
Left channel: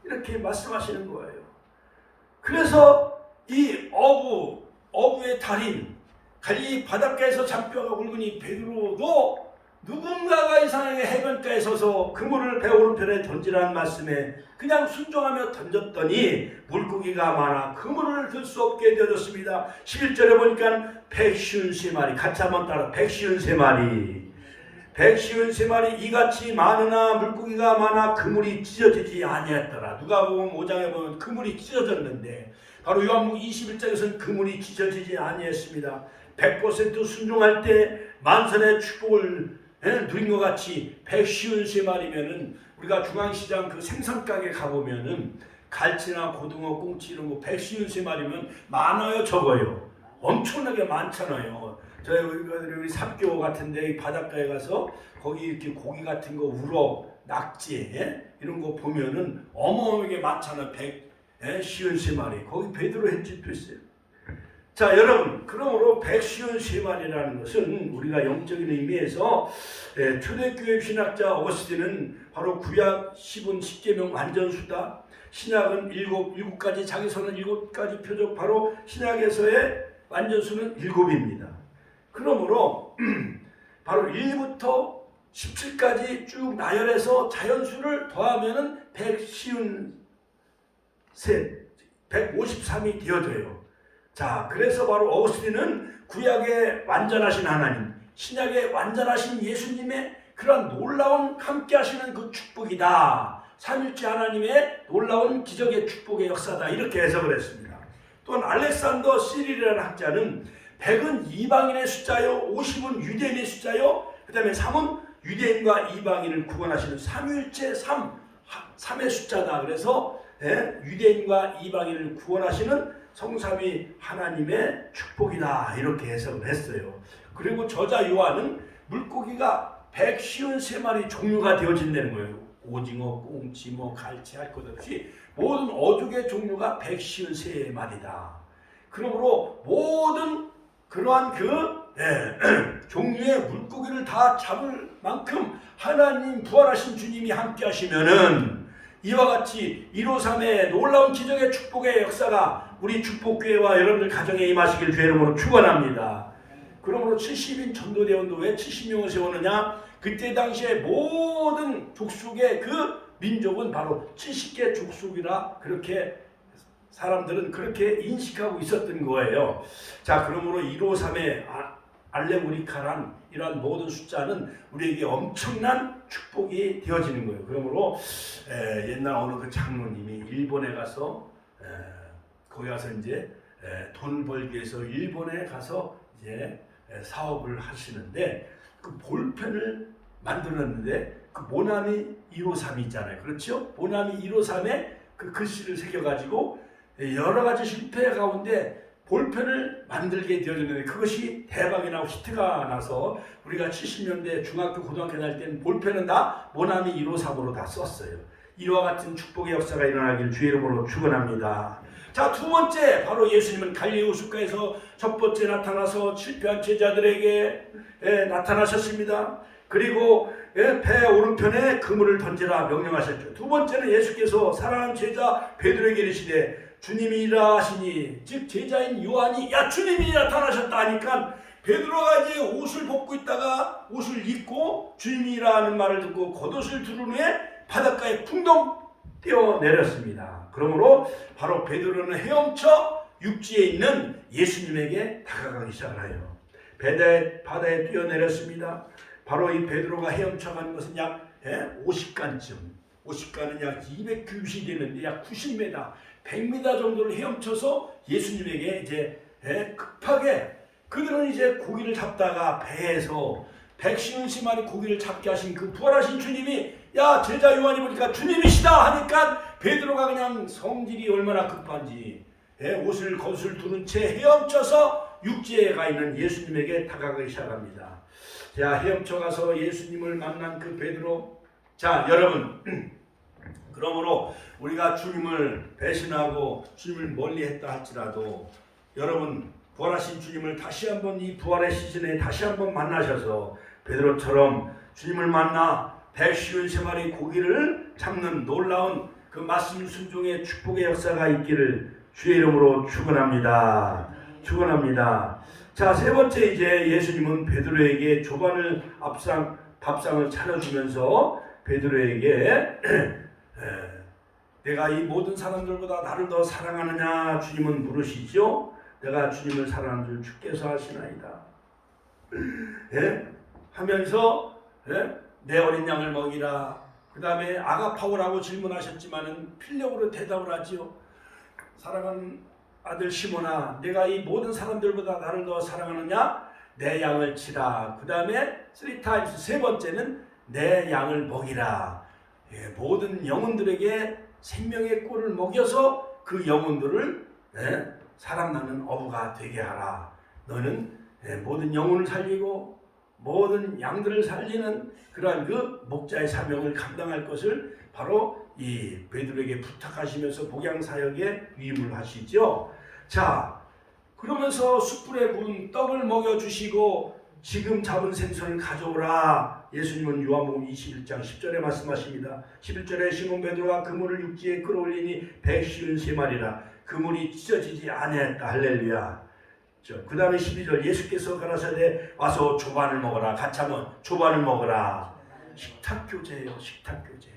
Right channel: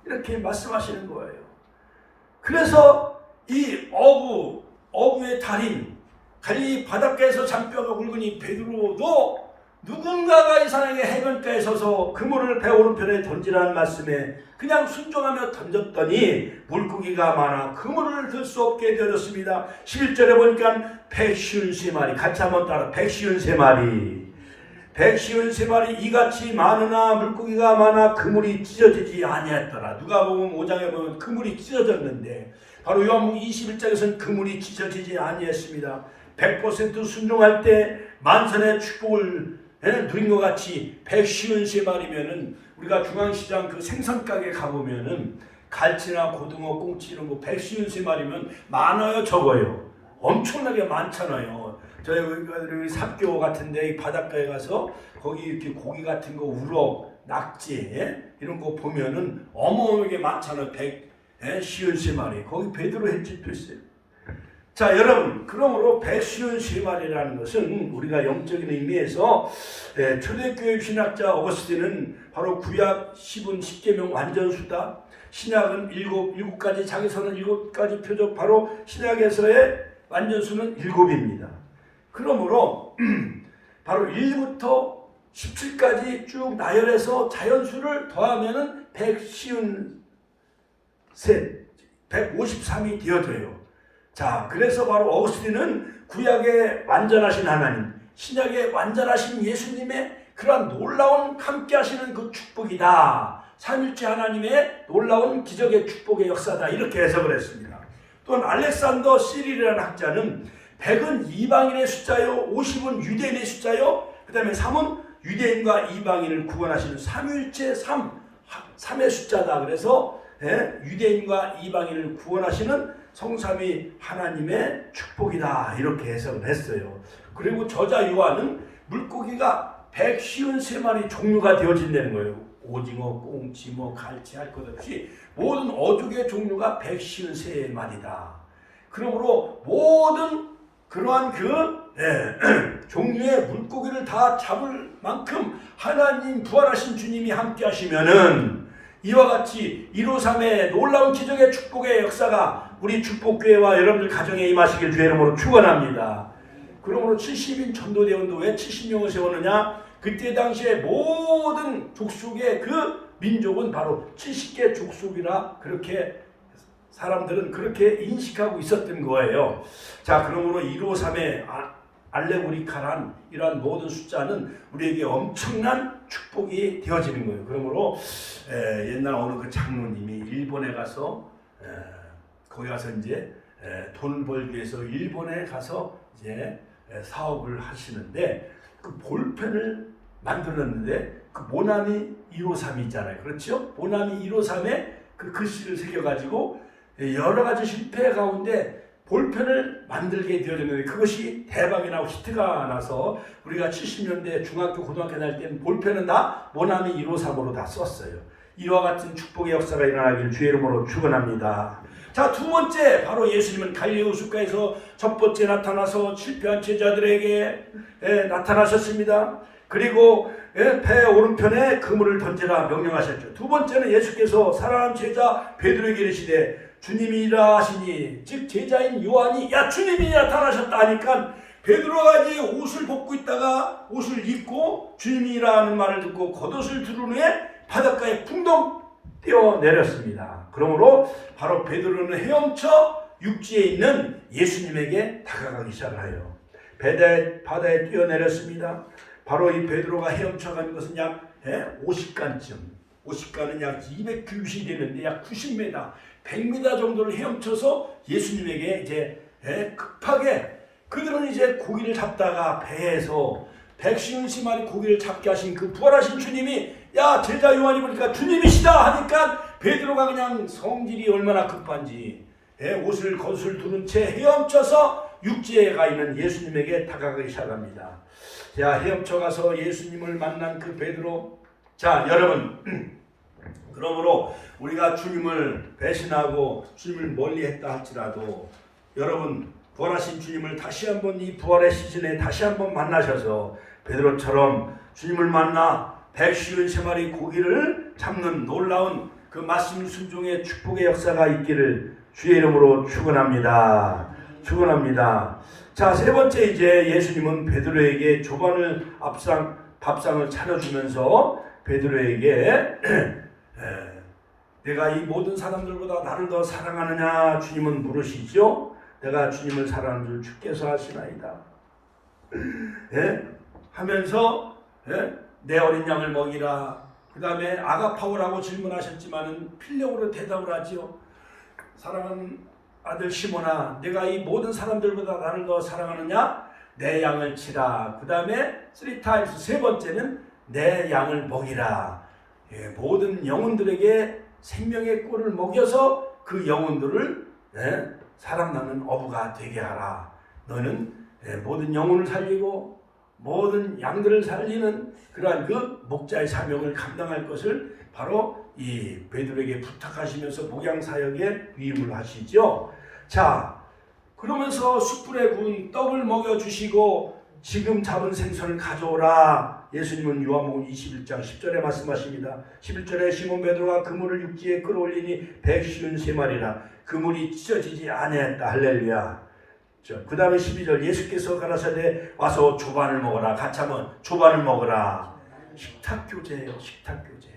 이렇게 말씀하시는 거예요. 그래서 이 어부의 달인 갈릴리 바닷가에서 잔뼈가 굵으니 베드로도 누군가가 이상하게 해변가에 서서 그물을 배 오른편에 던지라는 말씀에 그냥 순종하며 던졌더니 물고기가 많아 그물을 들 수 없게 되었습니다. 11절에 보니까 153마리, 같이 한번 따라 153마리 이같이 많으나 물고기가 많아 그물이 찢어지지 아니했더라. 누가복음 5장에 보면 그물이 찢어졌는데 바로 요한복음 21장에서는 그물이 찢어지지 아니했습니다. 100% 순종할 때 만선의 축복을 누린 것 같이 153마리면은 우리가 중앙시장 그 생선가게 가보면은 갈치나 고등어, 꽁치 이런 거 153마리면 많아요, 적어요? 엄청나게 많잖아요. 저희 우리 삽교 같은데 바닷가에 가서 거기 이렇게 고기 같은 거 우럭, 낙지 이런 거 보면은 어마어마하게 많잖아요. 153마리. 거기 베드로 횟집도 있어요. 자, 여러분, 그러므로 153마리라는 것은 우리가 영적인 의미에서 초대교회 신학자 어거스틴은 바로 구약 10은 10계명 완전수다. 신약은 7가지, 자기서는 7가지 표적, 바로 신약에서의 완전수는 7입니다. 그러므로 바로 1부터 17까지 쭉 나열해서 자연수를 더하면은 153이 되어져요. 자, 그래서 바로 어거스틴은 구약의 완전하신 하나님, 신약의 완전하신 예수님의 그러한 놀라운 함께 하시는 그 축복이다. 삼일째 하나님의 놀라운 기적의 축복의 역사다. 이렇게 해석을 했습니다. 또한 알렉산더 시릴이라는 학자는 100은 이방인의 숫자요, 50은 유대인의 숫자요, 그 다음에 3은 유대인과 이방인을 구분하시는 삼일째 3의 숫자다. 그래서 유대인과 이방인을 구원하시는 성삼위 하나님의 축복이다. 이렇게 해석을 했어요. 그리고 저자 요한은 물고기가 153마리 종류가 되어진다는 거예요. 오징어, 꽁치, 갈치 할 것 없이 모든 어족의 종류가 153마리다. 그러므로 모든 그러한 종류의 물고기를 다 잡을 만큼 하나님 부활하신 주님이 함께 하시면은 이와 같이 153의 놀라운 기적의 축복의 역사가 우리 축복교회와 여러분들 가정에 임하시길 주의 이름으로 축원합니다. 그러므로 70인 전도대원도 왜 70명을 세우느냐? 그때 당시에 모든 족속의 그 민족은 바로 70개 족속이라 그렇게 사람들은 그렇게 인식하고 있었던 거예요. 자, 그러므로 153의 알레고리카란 이러한 모든 숫자는 우리에게 엄청난 축복이 되어지는 거예요. 그러므로 옛날 어느 그 장로님이 일본에 가서 거기 가서 이제 돈을 벌기 위해서 일본에 가서 이제 사업을 하시는데 그 볼펜을 만들었는데 그 모나미 153이 있잖아요. 그렇죠? 모나미 153에 그 글씨를 새겨가지고 여러 가지 실패 가운데 볼펜을 만들게 되어졌는데 그것이 대박이 나고 히트가 나서 우리가 70년대 중학교 고등학교 다닐 때는 볼펜은 다 모나미 153으로 다 썼어요. 이와 같은 축복의 역사가 일어나길 주의 이름으로 축원합니다. 자, 두 번째, 바로 예수님은 갈릴리 호숫가에서 첫 번째 나타나서 실패한 제자들에게 나타나셨습니다. 그리고 배 오른편에 그물을 던지라 명령하셨죠. 두 번째는 예수께서 사랑하는 제자 베드로에게 이르시되 주님이라 하시니, 즉 제자인 요한이 야 주님이 나타나셨다 하니까 베드로가 이제 옷을 벗고 있다가 옷을 입고 주님이라 하는 말을 듣고 겉옷을 두른 후에 바닷가에 붕덩 뛰어내렸습니다. 그러므로 바로 베드로는 헤엄쳐 육지에 있는 예수님에게 다가가기 시작을 해요. 바다에 뛰어내렸습니다. 바로 이 베드로가 헤엄쳐가는 것은 약 50간쯤, 50간은 약 200규빗이 되는데 약 90m, 100m 정도를 헤엄쳐서 예수님에게 이제 급하게, 그들은 이제 고기를 잡다가 배에서 150마리 고기를 잡게 하신 그 부활하신 주님이 야 제자 요한이 보니까 주님이시다 하니까 베드로가 그냥 성질이 얼마나 급한지 옷을 겉을 두른 채 헤엄쳐서 육지에 가 있는 예수님에게 다가가기 시작합니다. 자, 헤엄쳐 가서 예수님을 만난 그 베드로. 자, 여러분, 그러므로 우리가 주님을 배신하고 주님을 멀리했다 할지라도 여러분 부활하신 주님을 다시 한번 이 부활의 시즌에 다시 한번 만나셔서 베드로처럼 주님을 만나 153마리 고기를 잡는 놀라운 그 말씀 순종의 축복의 역사가 있기를 주의 이름으로 축원합니다. 축원합니다. 자, 세 번째 이제 예수님은 베드로에게 조반을 밥상을 차려주면서 베드로에게 내가 이 모든 사람들보다 나를 더 사랑하느냐 주님은 물으시죠. 내가 주님을 사랑하는 줄 주께서 아시나이다. 하면서 내 어린 양을 먹이라. 그 다음에 아가파오라고 질문하셨지만은 필력으로 대답을 하지요. 사랑하는 아들 시몬아, 내가 이 모든 사람들보다 나를 더 사랑하느냐? 내 양을 치라. 그 다음에 3times 세 번째는 내 양을 먹이라. 모든 영혼들에게 생명의 꿀을 먹여서 그 영혼들을 사랑나는 어부가 되게 하라. 너는 모든 영혼을 살리고 모든 양들을 살리는 그러한 그 목자의 사명을 감당할 것을 바로 이 베드로에게 부탁하시면서 목양 사역에 위임을 하시죠. 자, 그러면서 숯불에 구운 떡을 먹여주시고 지금 잡은 생선을 가져오라. 예수님은 요한복음 21장 10절에 말씀하십니다. 11절에 시몬 베드로가 그물을 육지에 끌어올리니 153마리라. 그물이 찢어지지 아니했다. 할렐루야. 그 다음에 12절 예수께서 가라사대 와서 조반을 먹어라. 같이 한번 조반을 먹어라. 식탁교제예요. 식탁교제.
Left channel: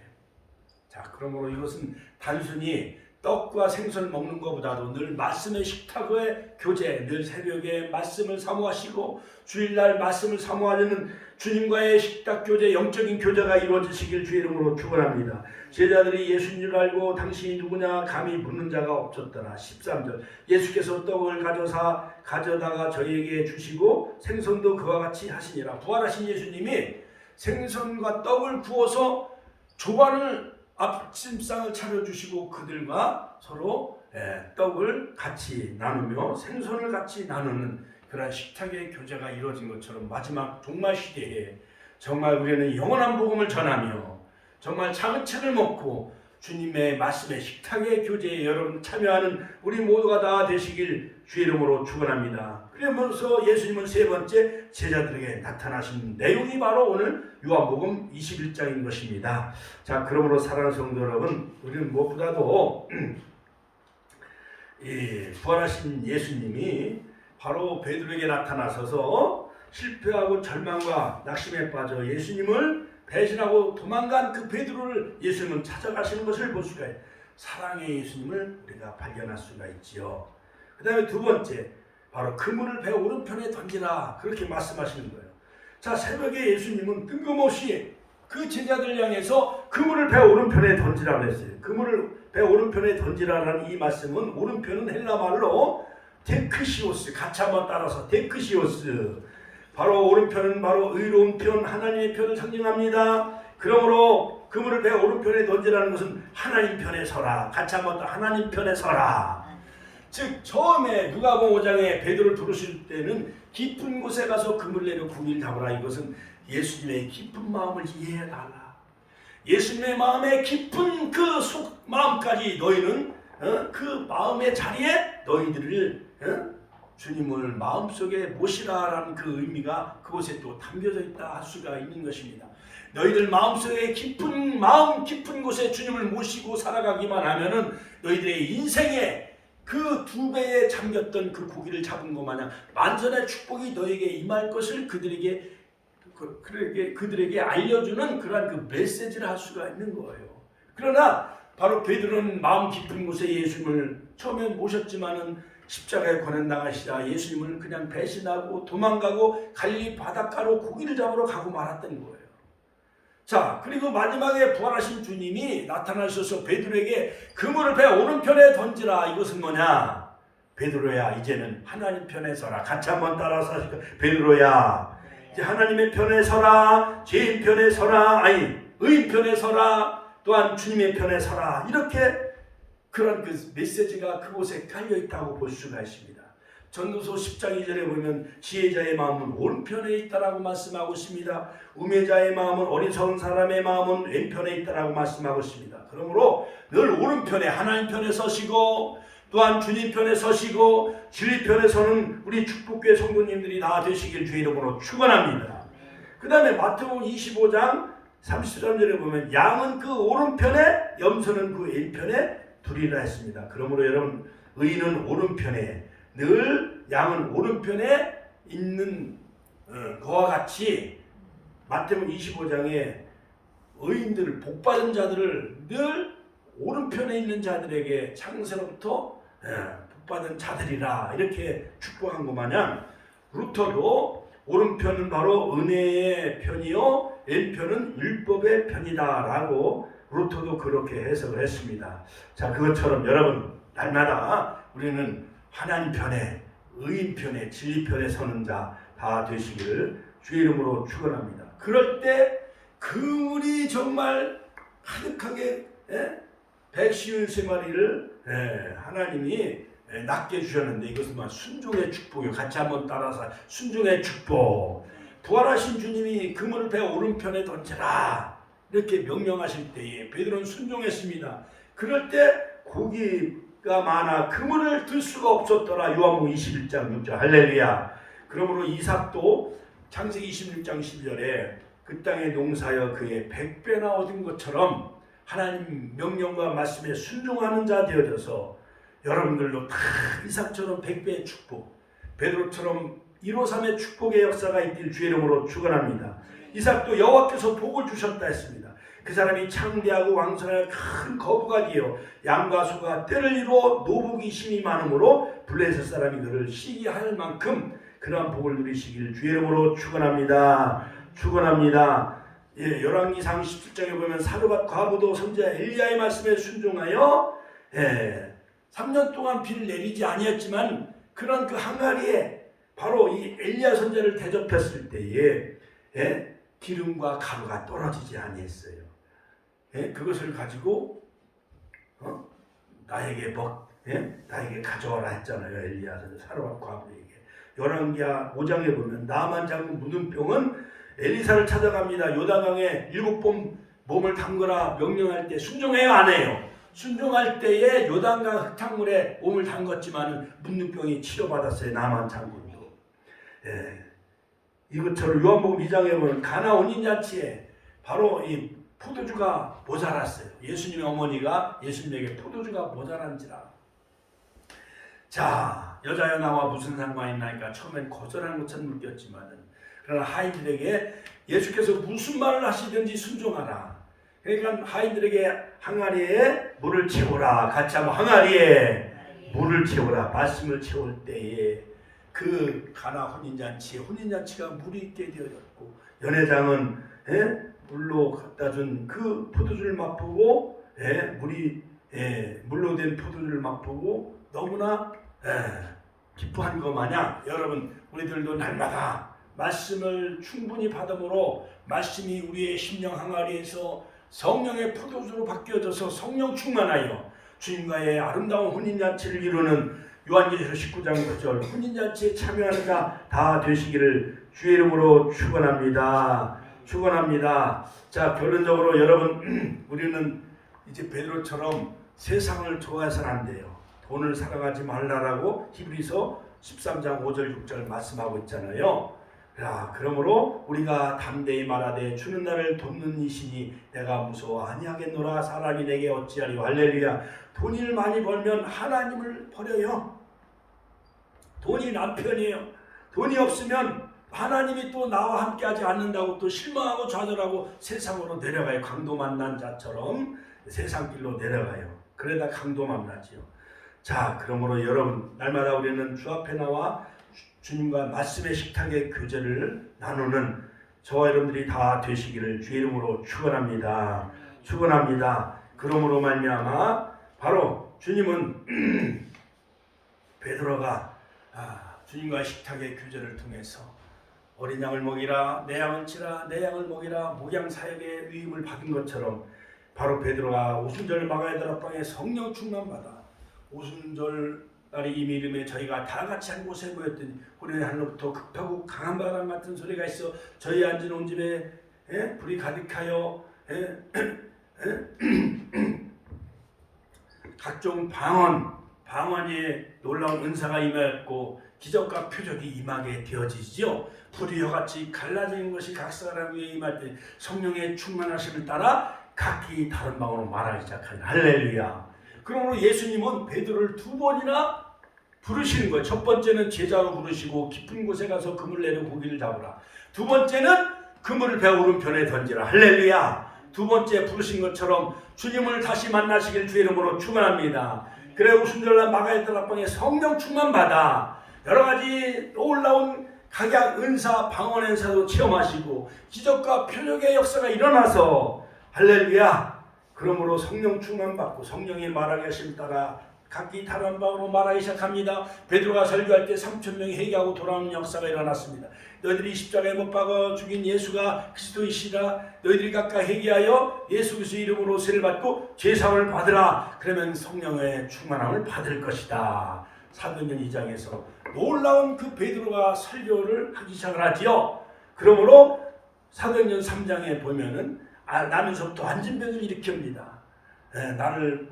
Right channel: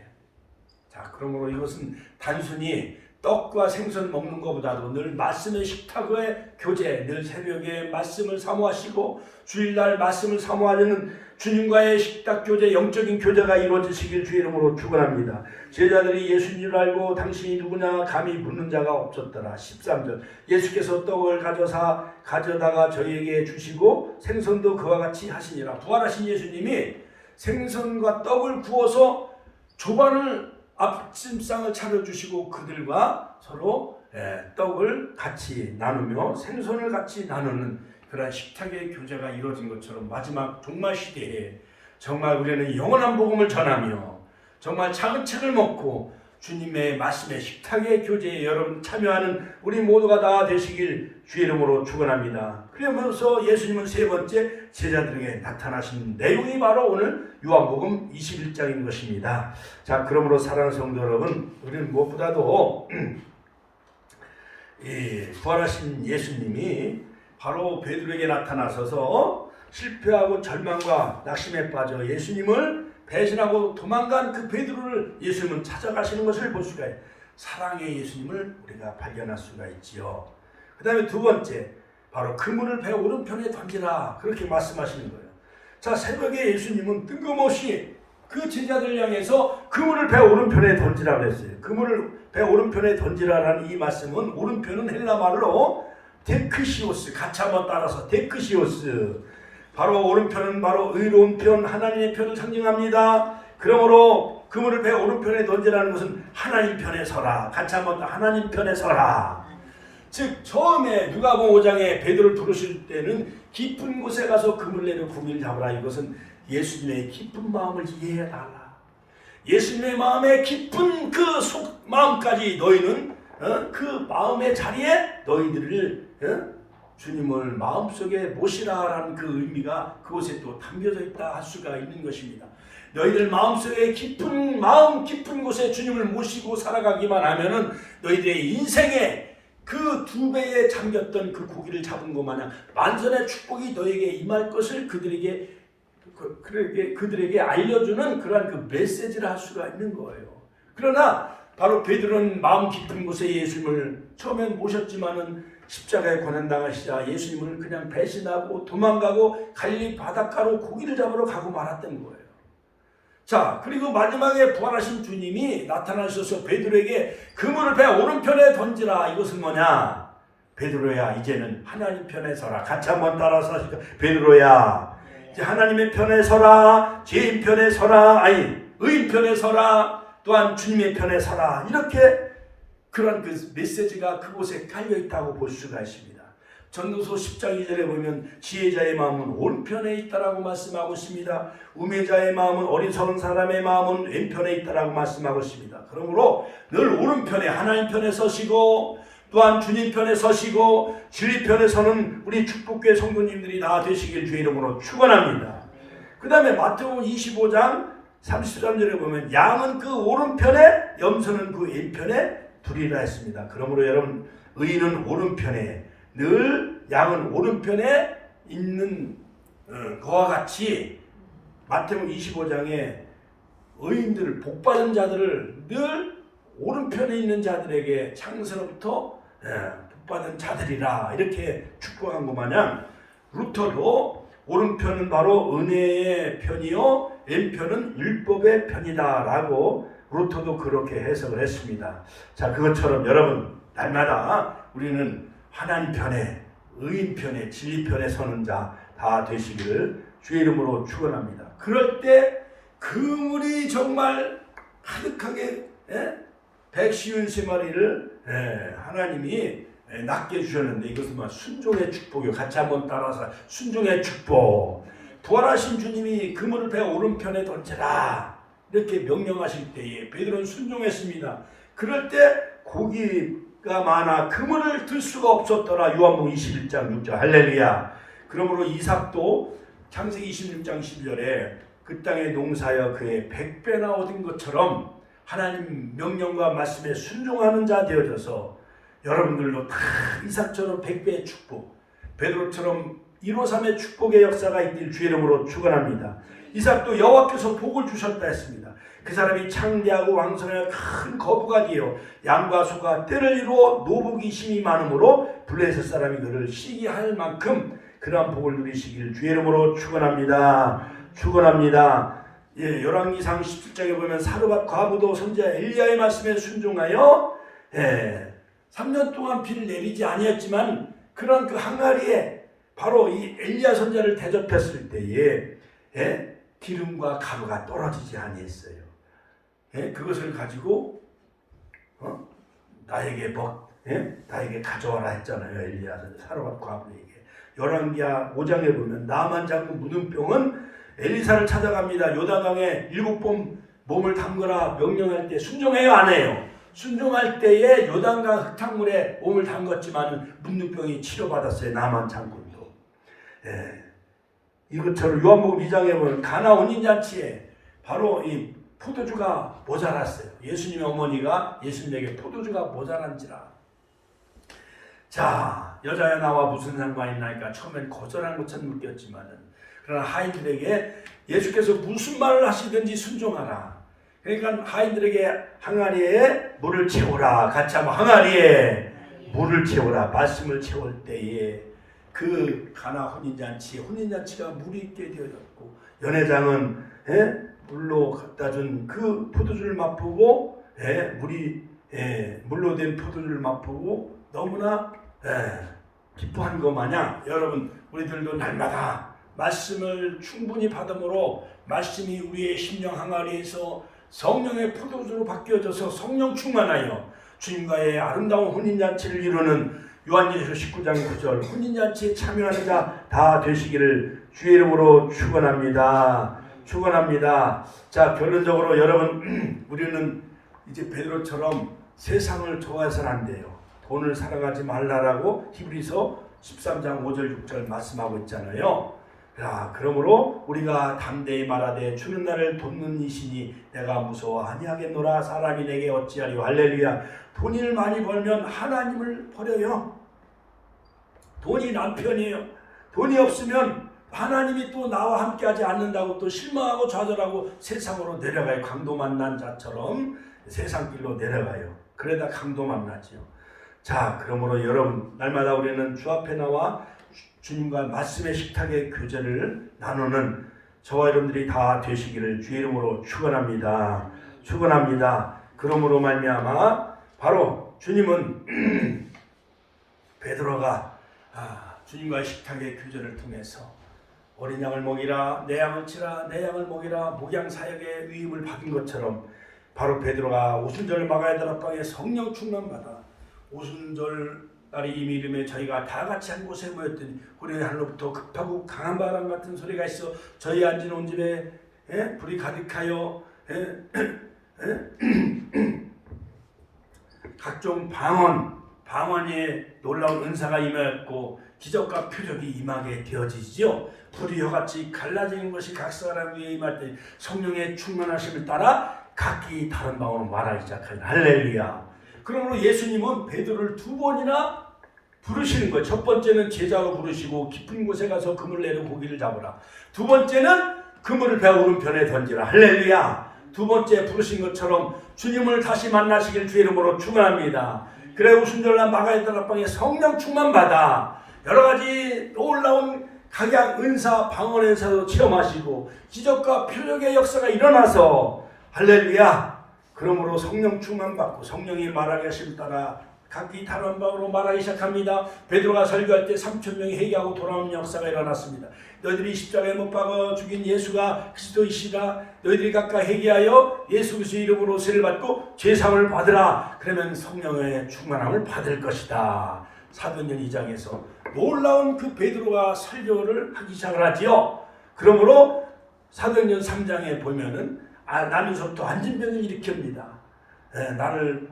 자, 그러므로 이것은 단순히 떡과 생선 먹는 것보다도 늘 말씀의 식탁의 교제, 늘 새벽에 말씀을 사모하시고 주일날 말씀을 사모하려는 주님과의 식탁 교제, 영적인 교제가 이루어지시길 주의 이름으로 축원합니다. 제자들이 예수님을 알고 당신이 누구냐 감히 묻는 자가 없었더라. 13절 예수께서 떡을 가져다가 저희에게 주시고 생선도 그와 같이 하시니라. 부활하신 예수님이 생선과 떡을 구워서 조반을 앞짐상을 차려주시고 그들과 서로 떡을 같이 나누며 생선을 같이 나누는 그런 식탁의 교제가 이루어진 것처럼 마지막 종말 시대에 정말 우리는 영원한 복음을 전하며 정말 작은 책을 먹고 주님의 말씀의 식탁의 교제에 여러분 참여하는 우리 모두가 다 되시길 주의 이름으로 축원합니다. 그러면서 예수님은 세 번째 제자들에게 나타나신 내용이 바로 오늘 요한복음 21장인 것입니다. 자, 그러므로 사랑하는 성도 여러분, 우리는 무엇보다도 이 부활하신 예수님이 바로 베드로에게 나타나셔서 실패하고 절망과 낙심에 빠져 예수님을 배신하고 도망간 그 베드로를 예수님은 찾아가시는 것을 볼 수가 있어요. 사랑의 예수님을 우리가 발견할 수가 있지요. 그 다음에 두 번째, 바로 그물을 배 오른편에 던지라 그렇게 말씀하시는 거예요. 자, 새벽에 예수님은 뜬금없이 그 제자들 향해서 그물을 배 오른편에 던지라 그랬어요. 그물을 배 오른편에 던지라라는 이 말씀은 오른편은 헬라 말로 데크시오스, 같이 한번 따라서 데크시오스. 바로 오른편은 바로 의로운 편, 하나님의 편을 상징합니다. 그러므로 그물을 배 오른편에 던지라는 것은 하나님 편에 서라. 같이 한번 더 하나님 편에 서라. 즉 처음에 누가복음 5장에 베드로를 부르실 때는 깊은 곳에 가서 그물 내려 고기를 잡으라. 이것은 예수님의 깊은 마음을 이해해달라. 예수님의 마음의 깊은 그 마음까지 너희는 그 마음의 자리에 너희들을 주님을 마음속에 모시라라는 그 의미가 그곳에 또 담겨져 있다 할 수가 있는 것입니다. 너희들 마음속에 깊은 곳에 주님을 모시고 살아가기만 하면은 너희들의 인생에 그 두 배에 잠겼던 그 고기를 잡은 것 마냥 만선의 축복이 너에게 임할 것을 그들에게 알려주는 그러한 그 메시지를 할 수가 있는 거예요. 그러나 바로 베드로는 마음 깊은 곳에 예수님을 처음엔 모셨지만은 십자가에 고난 당하시자 예수님을 그냥 배신하고 도망가고 갈릴리 바닷가로 고기를 잡으러 가고 말았던 거예요. 자, 그리고 마지막에 부활하신 주님이 나타나셔서 베드로에게 그물을 배 오른편에 던지라. 이것은 뭐냐? 베드로야, 이제는 하나님 편에 서라. 같이 한번 따라서 하실까? 베드로야, 이제 하나님의 편에 서라. 죄인 편에 서라. 아니, 의인 편에 서라. 또한 주님의 편에 서라. 이렇게 그런 그 메시지가 그곳에 깔려 있다고 볼 수가 있습니다. 전도서 10장 2절에 보면 지혜자의 마음은 오른편에 있다라고 말씀하고 있습니다. 우매자의 마음은 어리석은 사람의 마음은 왼편에 있다라고 말씀하고 있습니다. 그러므로 늘 오른편에 하나님 편에 서시고 또한 주님 편에 서시고 진리 편에 서는 우리 축복교회 성도님들이 다 되시길 주의 이름으로 축원합니다. 그 다음에 마태복음 25장 33절에 보면 양은 그 오른편에 염소는 그 왼편에 두리라 했습니다. 그러므로 여러분 의인은 오른편에 늘 양은 오른편에 있는 그와 같이 마태복음 25장에 의인들을 복받은 자들을 늘 오른편에 있는 자들에게 창세로부터 복받은 자들이라 이렇게 축복한 것 마냥 루터도 오른편은 바로 은혜의 편이요 왼편은 율법의 편이다라고 루터도 그렇게 해석을 했습니다. 자, 그것처럼 여러분 날마다 우리는 하나님 편에 의인 편에 진리 편에 서는 자 다 되시기를 주의 이름으로 축원합니다. 그럴 때 그물이 정말 가득하게 153마리를 하나님이 낫게 주셨는데 이것은 순종의 축복이요. 같이 한번 따라서 순종의 축복. 부활하신 주님이 그물을 배 오른편에 던져라 이렇게 명령하실 때에 베드로는 순종했습니다. 그럴 때 고기가 많아 그물을 들 수가 없었더라. 요한복음 21장 6절 할렐루야. 그러므로 이삭도 창세기 26장 12절에 그 땅에 농사여 그의 100배나 얻은 것처럼 하나님 명령과 말씀에 순종하는 자 되어져서 여러분들도 다 이삭처럼 100배의 축복, 베드로처럼 153의 축복의 역사가 있길 주의 이름으로 축원합니다. 이삭도 여호와께서 복을 주셨다 했습니다. 그 사람이 창대하고 왕성하여 큰 거부가 되어 양과 소가 떼를 이루어 노복이 심이 많으므로 블레셋 사람이 그를 시기할 만큼 그러한 복을 누리시길 주의 이름으로 축원합니다. 축원합니다. 예, 열왕기상 17장에 보면 사르밧 과부도 선지자 엘리야의 말씀에 순종하여 3년 동안 비를 내리지 아니했지만 그런 그 항아리에 바로 이 엘리야 선지자를 대접했을 때에 기름과 가루가 떨어지지 아니했어요. 그것을 가지고 나에게 나에게 가져와라 했잖아요. 엘리야 선지자 사르밧 과부에게. 열왕기하 5장에 보면 나만 장군 무능병은 엘리사를 찾아갑니다. 요단강에 7번 몸을 담그라 명령할 때 순종해요 안 해요? 순종할 때에 요단강 흙탕물에 몸을 담궜지만 문둥병이 치료받았어요. 나만 장군도. 이것처럼 요한복음 2장에 보면 가나 혼인잔치에 바로 이 포도주가 모자랐어요. 예수님의 어머니가 예수님에게 포도주가 모자란지라. 자, 여자여 나와 무슨 상관이 있나니까 처음엔 거절한 것처럼 느꼈지만은 그러나 하인들에게 예수께서 무슨 말을 하시든지 순종하라. 그러니까 하인들에게 항아리에 물을 채우라. 같이 한번 항아리에 물을 채우라. 말씀을 채울 때에 그 가나 혼인잔치가 물이 있게 되어졌고 연회장은 물로 갖다 준 그 포도주를 맛보고 물로 된 포도주를 맛보고 너무나 기뻐한 것 마냥 여러분 우리들도 날마다 말씀을 충분히 받음으로 말씀이 우리의 심령 항아리에서 성령의 포도주로 바뀌어져서 성령 충만하여 주님과의 아름다운 혼인잔치를 이루는 요한계시록 19장 9절 혼인잔치에 참여하는 자 다 되시기를 주의 이름으로 축원합니다. 축원합니다. 자, 결론적으로 여러분 우리는 이제 베드로처럼 세상을 좋아해서는 안 돼요. 돈을 사랑하지 말라라고 히브리서 13장 5절 6절 말씀하고 있잖아요. 자, 그러므로 우리가 담대히 말하되 주는 나를 돕는 이시니 내가 무서워 아니하겠노라. 사람이 내게 어찌하리요. 할렐루야. 돈을 많이 벌면 하나님을 버려요. 돈이 남편이에요. 돈이 없으면 하나님이 또 나와 함께하지 않는다고 또 실망하고 좌절하고 세상으로 내려가요. 강도 만난 자처럼 세상길로 내려가요. 그러다 강도 만나지요. 자, 그러므로 여러분 날마다 우리는 주 앞에 나와 주님과 말씀의 식탁의 교제를 나누는 저와 여러분들이 다 되시기를 주의 이름으로 축원합니다. 축원합니다. 그러므로 말미암아 바로 주님은 베드로가 주님과의 식탁의 교제를 통해서 어린 양을 먹이라, 내 양을 치라, 내 양을 먹이라 목양 사역의 위임을 받은 것처럼 바로 베드로가 오순절 마가야 다락방에 성령 충만 받아 오순절 날이 이미 이름에 저희가 다 같이 한 곳에 모였더니 호련히 하늘로부터 급하고 강한 바람 같은 소리가 있어 저희 앉은 온 집에 불이 가득하여 각종 방언이 놀라운 은사가 임하였고 기적과 표적이 임하게 되어지지요. 불이 혀같이 갈라지는 것이 각사람 위에 임할 때 성령의 충만하심을 따라 각기 다른 방언으로 말하기 시작하니 할렐루야. 그러므로 예수님은 베드로를 두 번이나 부르시는 거예요. 첫 번째는 제자로 부르시고 깊은 곳에 가서 그물 내려 고기를 잡으라. 두 번째는 그물을 배 오른편에 던지라. 할렐루야. 두 번째 부르신 것처럼 주님을 다시 만나시길 주의 이름으로 축원합니다. 그래 오순절날 마가야 다락방에 성령 충만 받아 여러 가지 놀라운 각양 은사 방언 은사도 체험하시고 기적과 표적의 역사가 일어나서 할렐루야. 그러므로 성령 충만 받고 성령이 말하게 하심 따라 각기 다른 방으로 말하기 시작합니다. 베드로가 설교할 때 3,000명이 회개하고 돌아오는 역사가 일어났습니다. 너희들이 십자가에 못 박아 죽인 예수가 그리스도이시다. 너희들이 각각 회개하여 예수 그리스도의 이름으로 세를 받고 죄사함을 받으라. 그러면 성령의 충만함을 받을 것이다. 사도행전 2장에서 놀라운 그 베드로가 설교를 하기 시작을 하지요. 그러므로 사도행전 3장에 보면은 나면서부터 안진병을 일으킵니다. 나를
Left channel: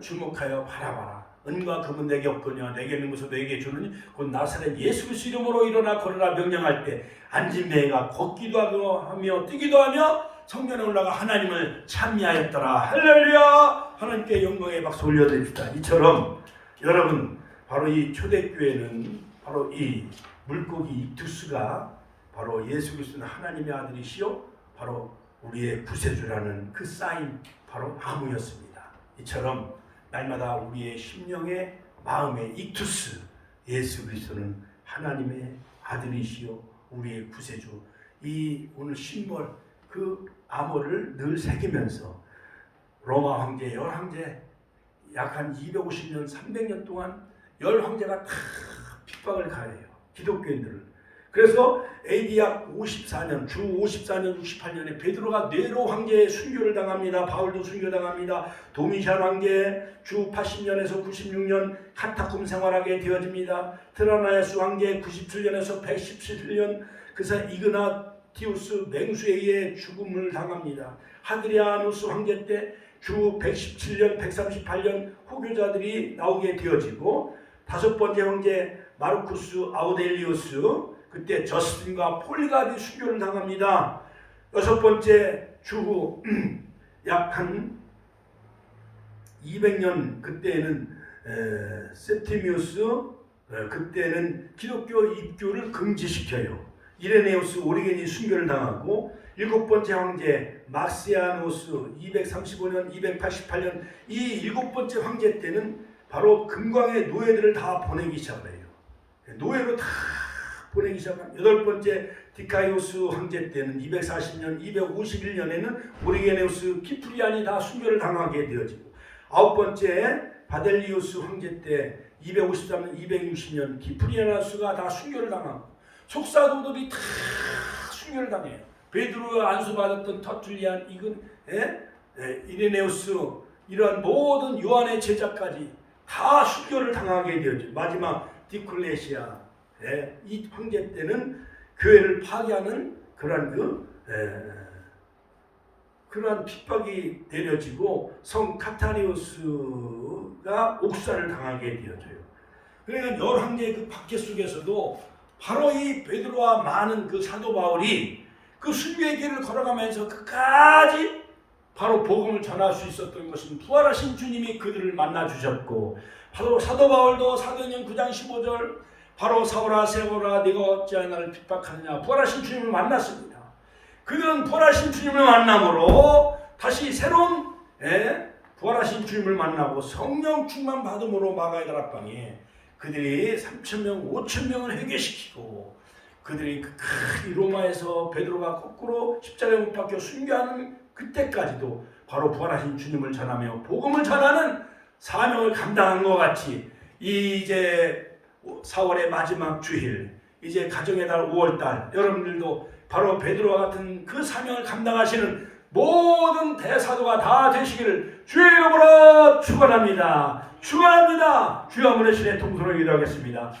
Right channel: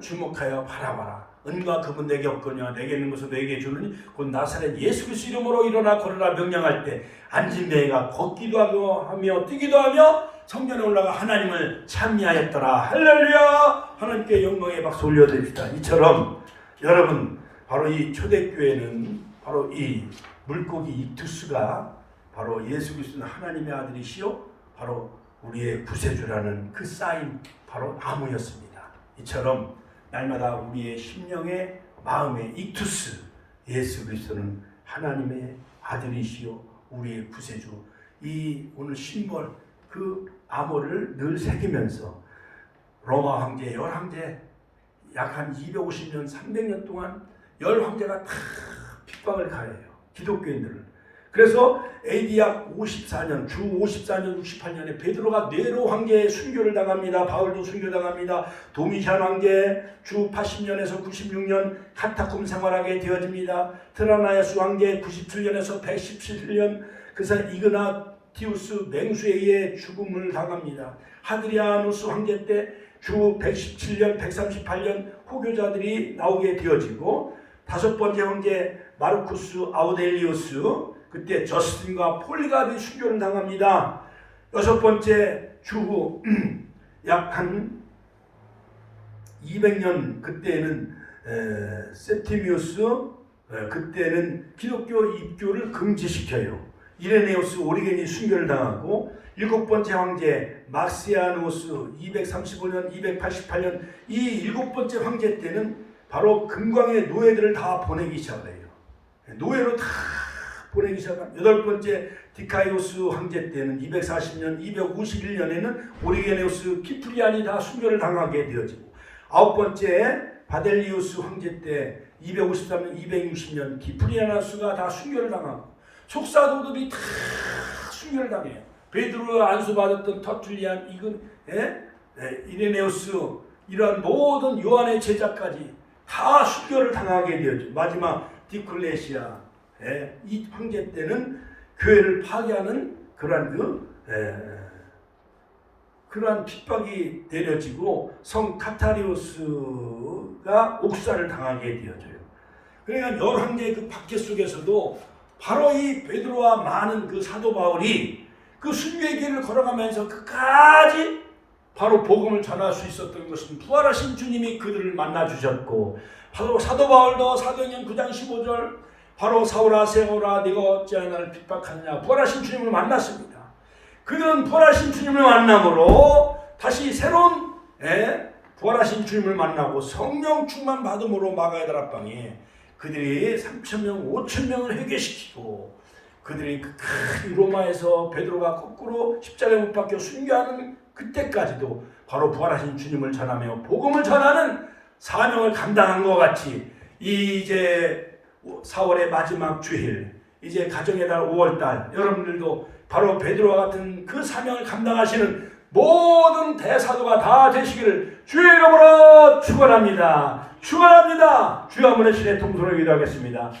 주목하여 바라봐라. 은과 금은 내게 없거니와 내게 있는 것을 내게 주느니 곧 나사렛 예수 그리스도 이름으로 일어나 걸으라 명령할 때 안진뱅이가 걷기도 하며 뛰기도 하며 성전에 올라가 하나님을 찬미하였더라. 할렐루야. 하나님께 영광의 박수 올려드립시다. 이처럼 여러분 바로 이 초대교회는 바로 이 물고기 익투스가 바로 예수 그리스도는 하나님의 아들이시요 바로 우리의 구세주라는 그 사인 바로 나무였습니다. 이처럼 날마다 우리의 심령의 마음의 익투스 예수 그리스도는 하나님의 아들이시요 우리의 구세주 이 오늘 심벌 그 암호를 늘 새기면서 로마 황제 열 황제 약 한 250년 300년 동안 열 황제가 다 핍박을 가해요. 기독교인들을. 그래서 AD 약 54년, 주 54년, 68년에 베드로가 네로 황제의 순교를 당합니다. 바울도 순교당합니다. 도미시안 황제 주 80년에서 96년 카타콤 생활하게 되어집니다. 트라나야스 황제 97년에서 117년 그래서 이그나티우스 맹수에 의해 죽음을 당합니다. 하드리아누스 황제 때 주 117년, 138년 호교자들이 나오게 되어지고 다섯 번째 황제 마르쿠스 아우델리우스 그때 저스틴과 폴리가디 순교를 당합니다. 여섯 번째 주후 약 한 200년 그때는 세티미우스 그때는 기독교 입교를 금지시켜요. 이레네우스 오리겐이 순교를 당하고 일곱 번째 황제 막시아누스 235년 288년 이 일곱 번째 황제 때는 바로 금광의 노예들을 다 보내기 시작해요. 노예로 다 보내기 시작합니다. 여덟 번째 디카이오스 황제 때는 240년 251년에는 오리게네우스 키프리안이 다 순교를 당하게 되어지고 아홉 번째 바델리우스 황제 때 253년 260년 키프리아나스가 다 순교를 당하고 속사도들이 다 순교를 당해요. 베드로가 안수받았던 터툴리안 이레네우스 이러한 모든 요한의 제자까지 다 순교를 당하게 되었죠. 마지막 디클레시아 이 황제 때는 교회를 파괴하는 그러한 핍박이 내려지고 성 카타리오스가 옥살을 당하게 되어져요. 그러니까 열 황제의 그 박해 속에서도 바로 이 베드로와 많은 그 사도 바울이 그 순교의 길을 걸어가면서 끝까지 바로 복음을 전할 수 있었던 것은 부활하신 주님이 그들을 만나 주셨고 바로 사도 바울도 사도행전 9장 15절 바로 사울아 세울아 네가 어찌하여 나를 핍박하느냐 부활하신 주님을 만났습니다. 그들은 부활하신 주님을 만남으로 다시 새로운 부활하신 주님을 만나고 성령 충만 받음으로 마가야 다락방에 그들이 3,000명 5,000명을 회개시키고 그들이 그 로마에서 베드로가 거꾸로 십자가에 못 박혀 순교하는 그때까지도 바로 부활하신 주님을 전하며 복음을 전하는 사명을 감당한 것 같이 이제 4월의 마지막 주일 이제 가정의 달 5월달 여러분들도 바로 베드로와 같은 그 사명을 감당하시는 모든 대사도가 다 되시기를 주의 이름으로 축원합니다. 축원합니다. 주여 한번 신의 통성으로 기도하겠습니다.